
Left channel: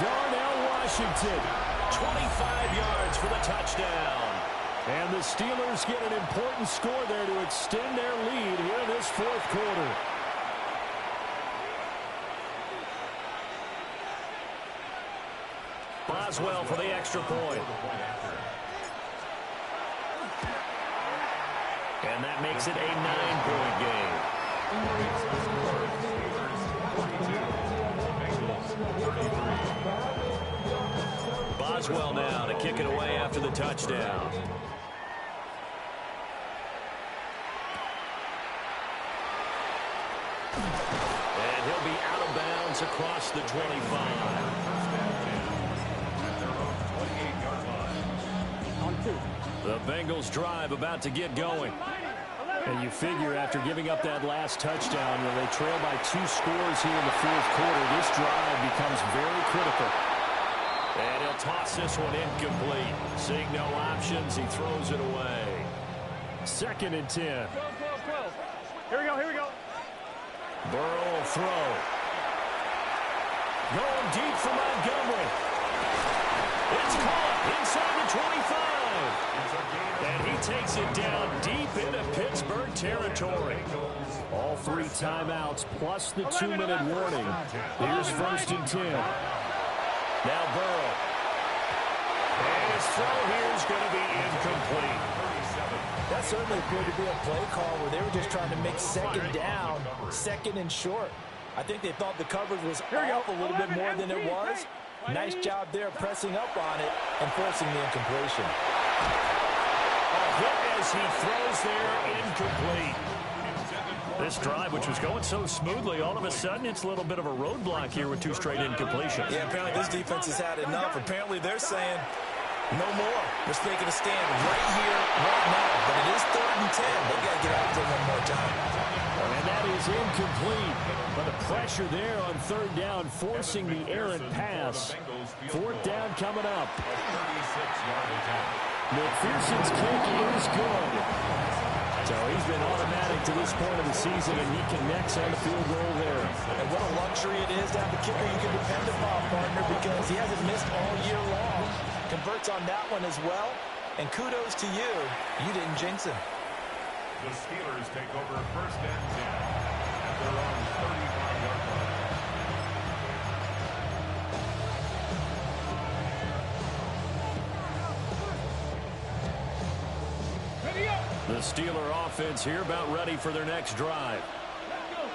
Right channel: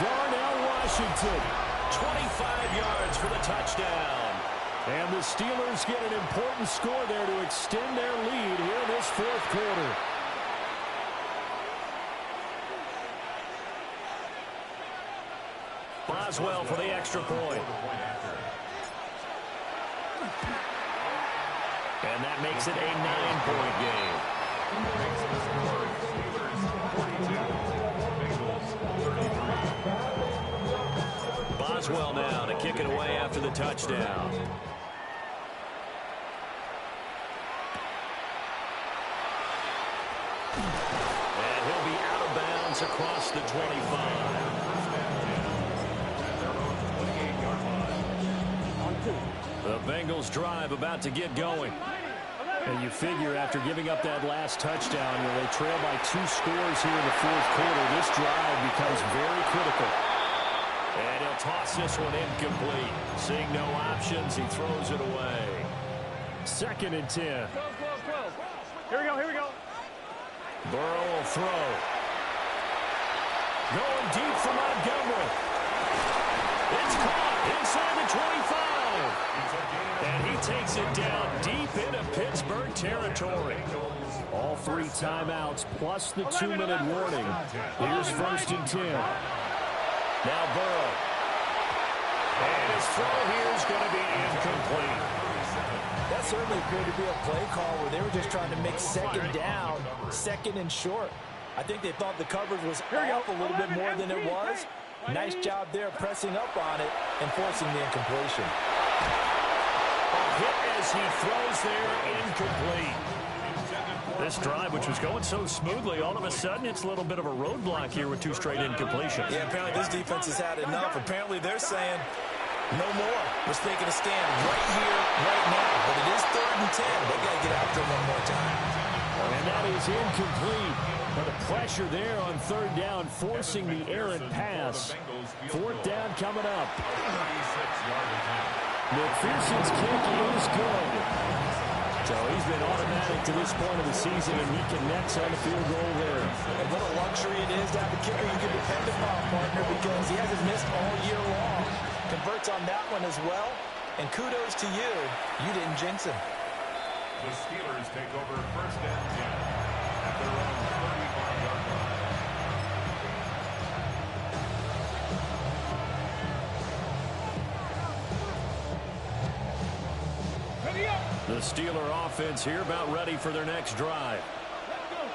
Darnell Washington, 25 yards for the touchdown. And the Steelers get an important score there to extend their lead here in this 4th quarter. Boswell for the extra point. And that makes it a 9-point game. Boswell now to kick it away after the touchdown. And he'll be out of bounds across the 25. The Bengals drive about to get going. And you figure after giving up that last touchdown, they trail by 2 scores here in the 4th quarter. This drive becomes very critical. And he'll toss this one incomplete. Seeing no options, he throws it away. 2nd and 10. 12. Here we go. Burrow will throw. Going deep for Montgomery. It's caught inside the 25. And he takes it down deep into Pittsburgh territory. All 3 timeouts plus the 2-minute warning. Here's 1st and 10. Now Burrow. And his throw here is going to be incomplete. That certainly appeared to be a play call where they were just trying to make 2nd down, 2nd and short. I think they thought the coverage was off a little bit more than it was. Nice job there pressing up on it and forcing the incompletion. A hit as he throws there, incomplete. This drive, which was going so smoothly, all of a sudden it's a little bit of a roadblock here with 2 straight incompletions. Yeah, apparently this defense has had enough. Apparently they're saying no more. We're making a stand right here, right now. But it is 3rd and 10. They've got to get after it one more time. And that is incomplete. But the pressure there on 3rd down, forcing the errant pass. 4th down coming up. McPherson's kick is good. So he's been automatic to this point of the season, and he connects on the field goal there. And what a luxury it is to have a kicker you can depend upon, partner, because he hasn't missed all year long. Converts on that one as well. And kudos to you. You didn't jinx him. The Steelers take over 1st and 10 at their own 35-yard line. The Steeler offense here about ready for their next drive.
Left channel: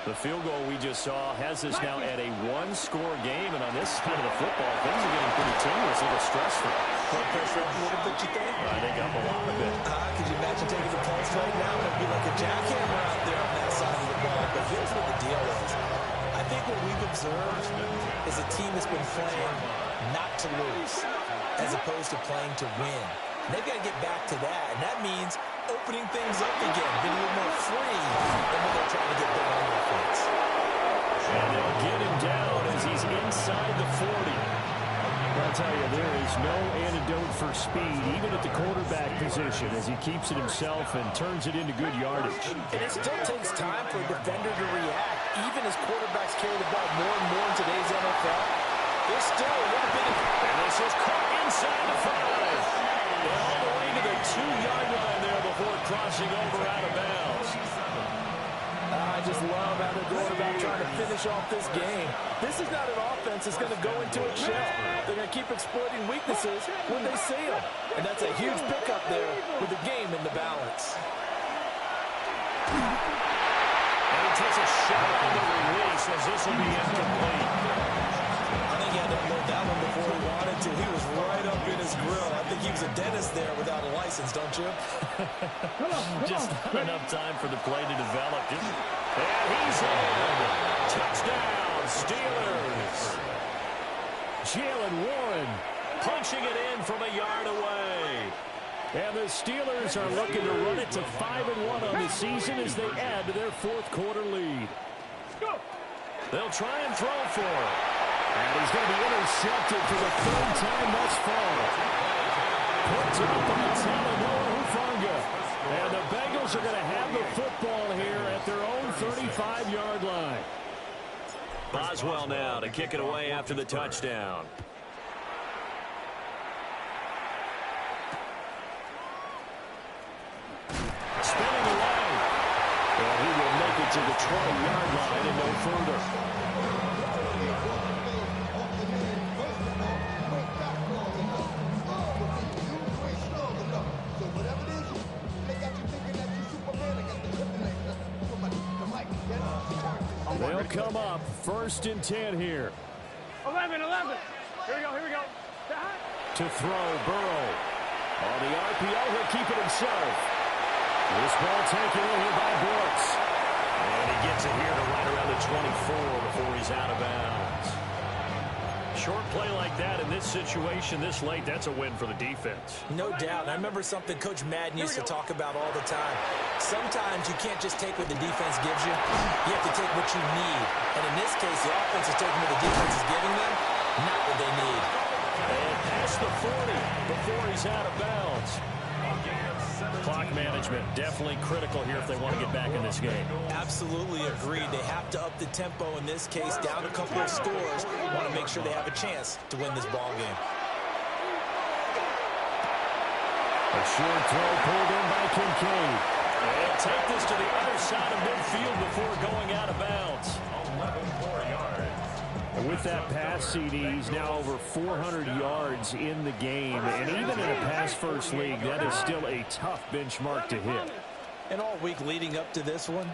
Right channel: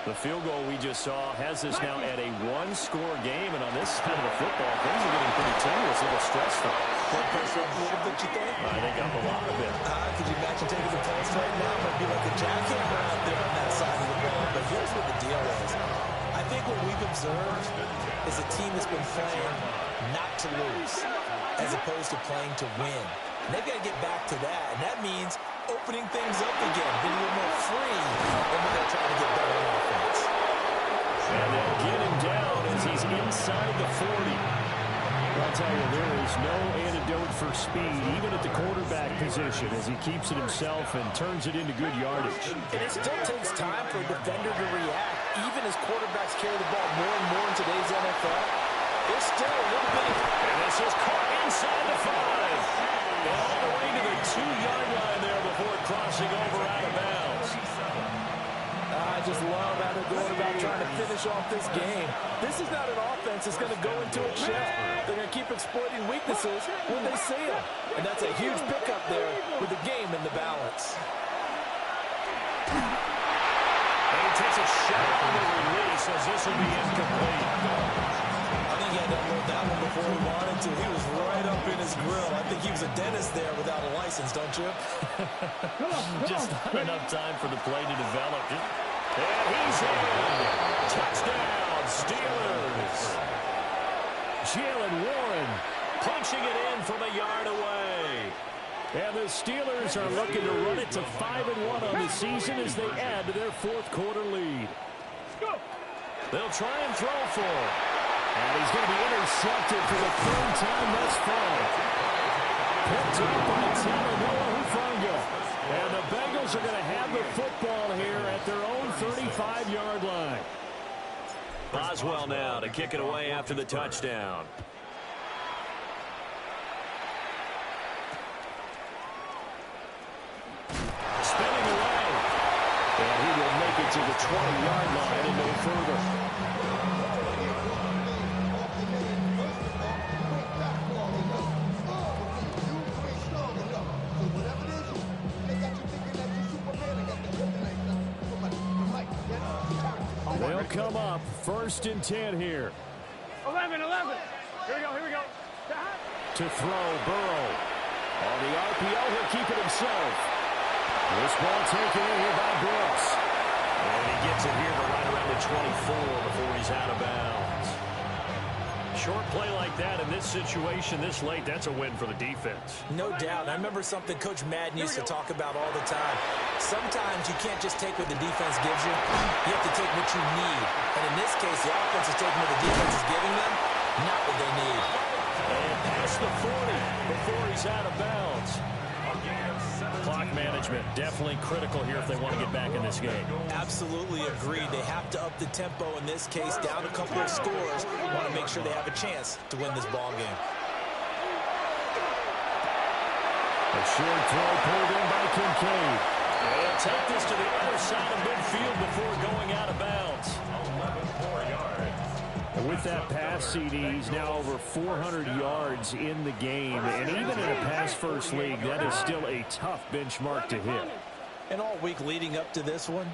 The field goal we just saw has us now at a 1-score game, and on this side of the football, things are getting pretty tenuous, a little stressful. Blood pressure up a little bit, you think? I think up a lot of it. Could you imagine taking the pulse right now? It would be like a jackhammer out there on that side of the ball. But here's what the deal is. I think what we've observed is a team that's been playing not to lose as opposed to playing to win. And they've got to get back to that, and that means opening things up again, being a little more free than what they're trying to get done on offense. And they'll get him down as he's inside the 40. I'll tell you, there is no antidote for speed, even at the quarterback position, as he keeps it himself and turns it into good yardage. And it still takes time for a defender to react. Even as quarterbacks carry the ball more and more in today's NFL, there's still a little bit of... And this is caught inside the 5. And all the way to the 2-yard line there before crossing over out of bounds. I just love how they're going about trying to finish off this game. This is not an offense that's going to go into a shell. They're going to keep exploiting weaknesses when they see them. And that's a huge pickup there with the game in the balance. And he takes a shot on the release as this will be incomplete. I think he had to unload that one before he wanted to. He was right up in his grill. I think he was a dentist there without a license, don't you? Just not enough time for the play to develop. And he's in. Touchdown, Steelers. Jalen Warren punching it in from a yard away. And the Steelers are looking to run it to 5-1 on the season as they add to their 4th quarter lead. They'll try and throw for it. And he's going to be intercepted for the 3rd time thus far. Picked up by Talanoa Hufanga. And the Bengals are going to have the football here at their own 35-yard line. Boswell now to kick it away after the touchdown. Spinning away. And he will make it to the 20-yard line and no further. They'll come up 1st and 10 here. 11. Here we go. To throw, Burrow. On the RPO, he'll keep it himself. This ball taken in here by Brooks. And he gets it here to right around the 24 before he's out of bounds. Short play like that in this situation this late, that's a win for the defense. No doubt. I remember something Coach Madden used to talk about all the time. Sometimes you can't just take what the defense gives you. You have to take what you need. And in this case, the offense is taking what the defense is giving them, not what they need. And past the 40 before he's out of bounds. Clock management definitely critical here if they want to get back in this game. Absolutely agreed. They have to up the tempo in this case, down a couple of scores. Want to make sure they have a chance to win this ball game. A short throw pulled in by Kincaid. They'll take this to the other side of midfield before going out of bounds. 11 more yards. With that pass, CD, he's now over 400 yards in the game. And even in a pass-first league, that is still a tough benchmark to hit. And all week leading up to this one,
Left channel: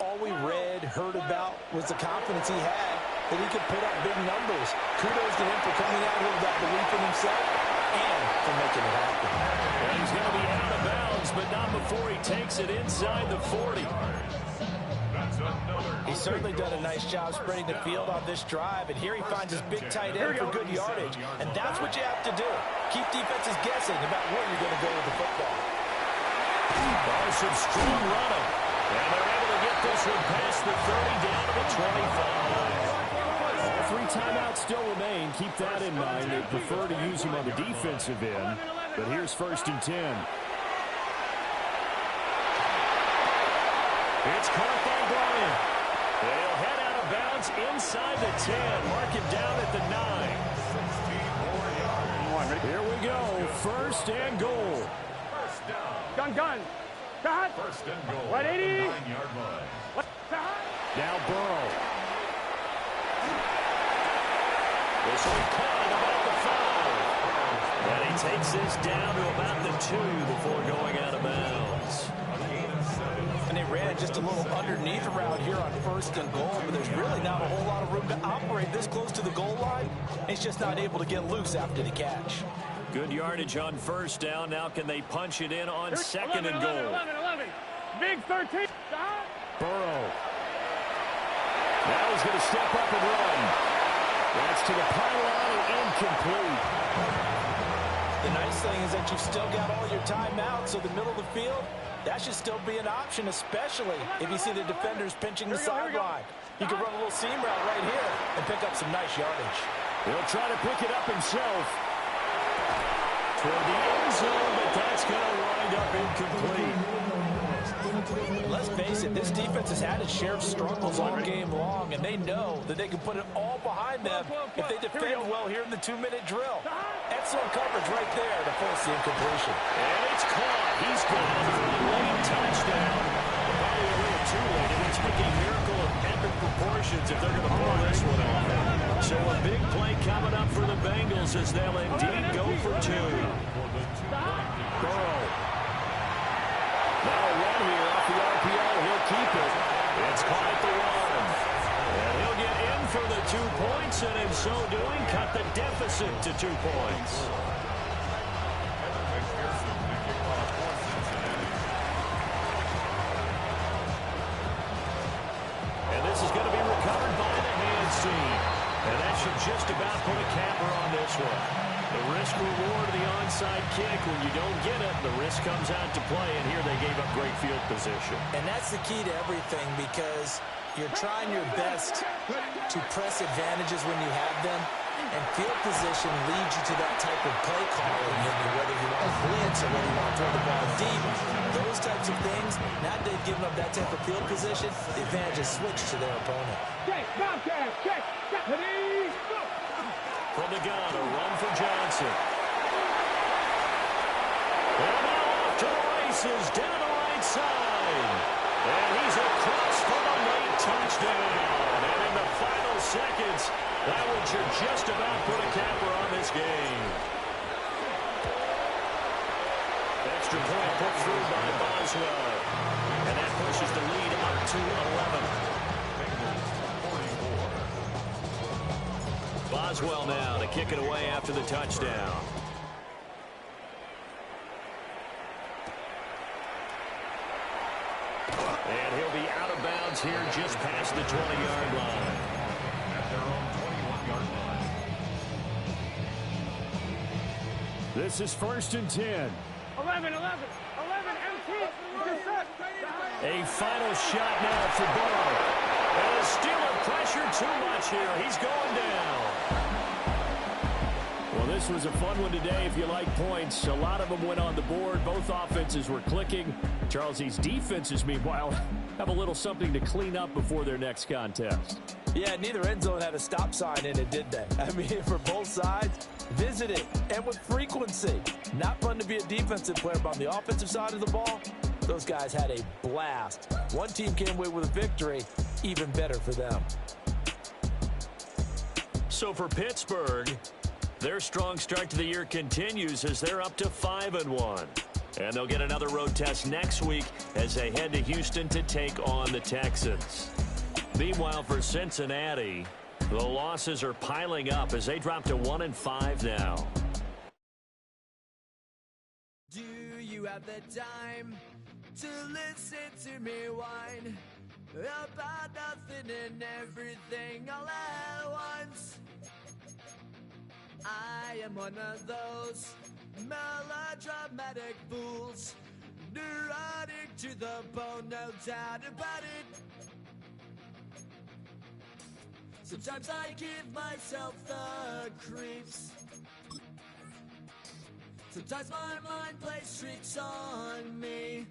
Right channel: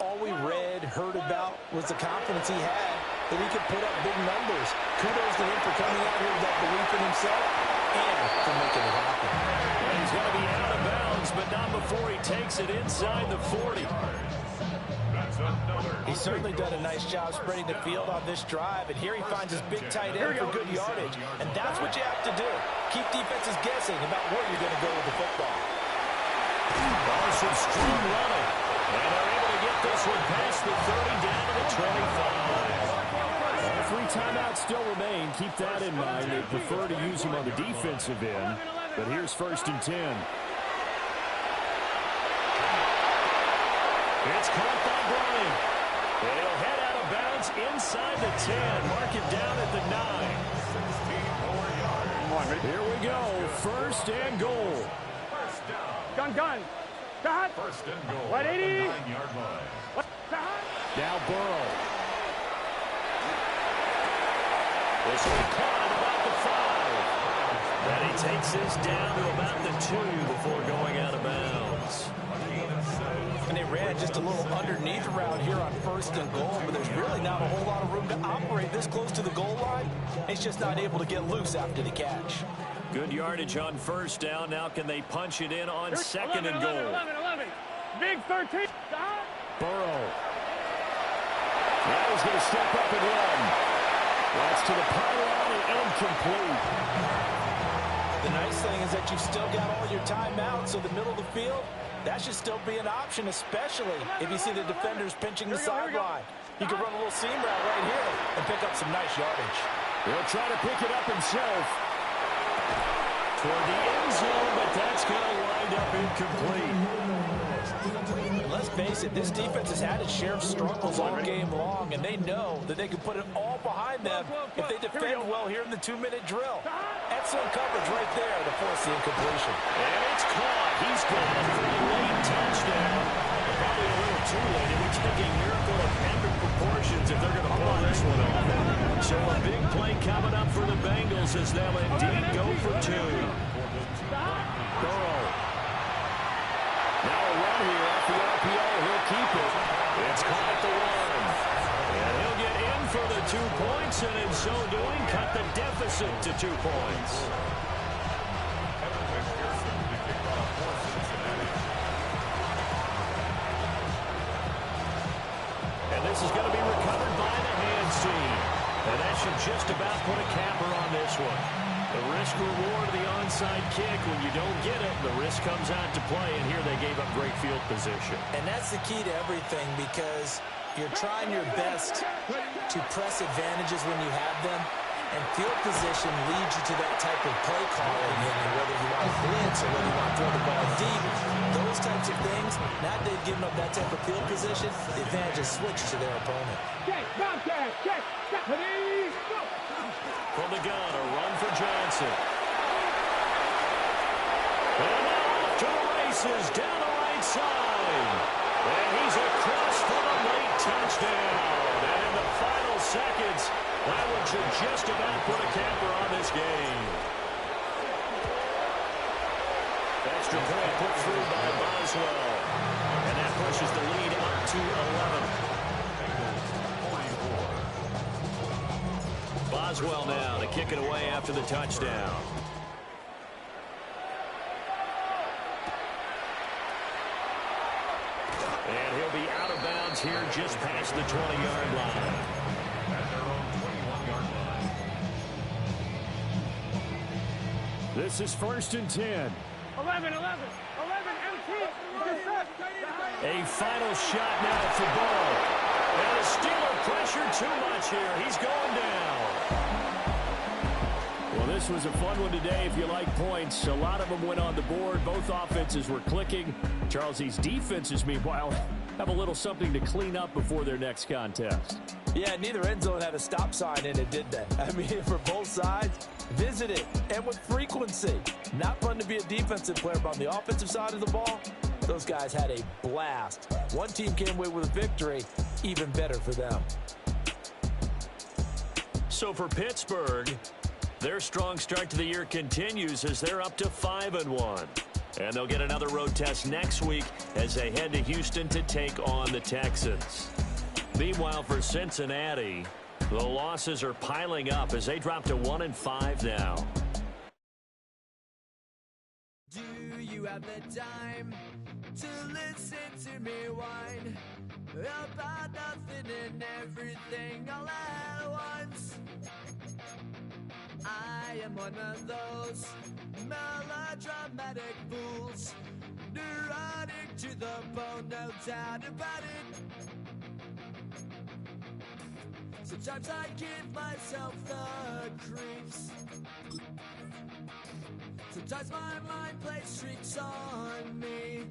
all we read, heard about was the confidence he had that he could put up big numbers. Kudos to him for coming out here with that belief in himself and for making it happen. And he's going to be out of bounds, but not before he takes it inside the 40. He's certainly done a nice job spreading the field on this drive, and here he finds his big tight end for good yardage. And that's what you have to do. Keep defenses guessing about where you're going to go with the football. Oh, some strong running. And they're able to get this one past the 30 down to the 25. All 3 timeouts still remain. Keep that in mind. They prefer to use him on the defensive end. But here's 1st and 10. It's caught by Bryant. And he'll head out of bounds inside the 10. Mark him down at the 9. 16 more yards. Here we go. 1st and goal. First down. Gun. Cut. 1st and goal. 180. 9-yard line. Now Burrow. This will be caught at about the 5. And he takes this down to about the 2 before going out of bounds. And they ran just a little underneath route here on 1st and goal, but there's really not a whole lot of room to operate this close to the goal line. He's just not able to get loose after the catch. Good yardage on 1st down. Now can they punch it in on 2nd and goal? 11. Big 13. Burrow. Now he's going to step up and run. That's to the pylon and incomplete. The nice thing is that you've still got all your timeouts, so the middle of the field, that should still be an option, especially if you see the defenders pinching the sideline. You can run a little seam route right here and pick up some nice yardage. He'll try to pick it up himself. Toward the end zone, but that's going to wind up incomplete. Let's face it, this defense has had its share of struggles all game long, and they know that they can put it all behind them if they defend well here in the 2-minute drill. Excellent coverage right there to force the incompletion. And it's caught. He's got it for a late touchdown. Probably a little too late. It would take a miracle of epic proportions if they're going to pull this one off. So a big play coming up for the Bengals as they'll indeed go for 2. Burrow. Now a run here off the RPO. He'll keep it. It's caught at the 1. And he'll get in for the 2 points, and in so doing, cut the deficit to 2 points. Kevin McPherson to kick off for Cincinnati. And this is going to be recovered by the hands team. And that should just about put a capper on this one. The risk-reward of the onside kick, when you don't get it, the risk comes out to play, and here they gave up great field position. And that's the key to everything, because you're trying your best to press advantages when you have them, and field position leads you to that type of play calling, and whether you want to blitz or whether you want to throw the ball deep, those types of things. Now that they've given up that type of field position, the advantage is switched to their opponent. From the gun, a run for Johnson. And now off to the races, down the right side. And he's across for the late touchdown. And in the final seconds, that one should just about put a capper on this game. Extra point put through by Boswell. And that pushes the lead up to 11. Boswell now to kick it away after the touchdown. And he'll be out of bounds here just past the 20-yard line. At their own 21-yard line. This is 1st and 10. 11, empty. A final shot now for Burrow. And the Steeler pressure too much here. He's going down. Well, this was a fun one today if you like points. A lot of them went on the board. Both offenses were clicking. Charles, these defenses, meanwhile, have a little something to clean up before their next contest. Yeah, neither end zone had a stop sign in it, did they? I mean, for both sides, visit it, and with frequency. Not fun to be a defensive player, but on the offensive side of the ball, those guys had a blast. One team came away with a victory, even better for them. So for Pittsburgh, their strong start to the year continues as they're up to 5-1. And they'll get another road test next week as they head to Houston to take on the Texans. Meanwhile, for Cincinnati, The losses are piling up as they drop to 1-5 now. Do you have the time to listen to me whine about nothing and everything all at once? I am one of those melodramatic fools, neurotic to the bone, no doubt about it. Sometimes I give myself the creeps. Sometimes my mind plays tricks on me.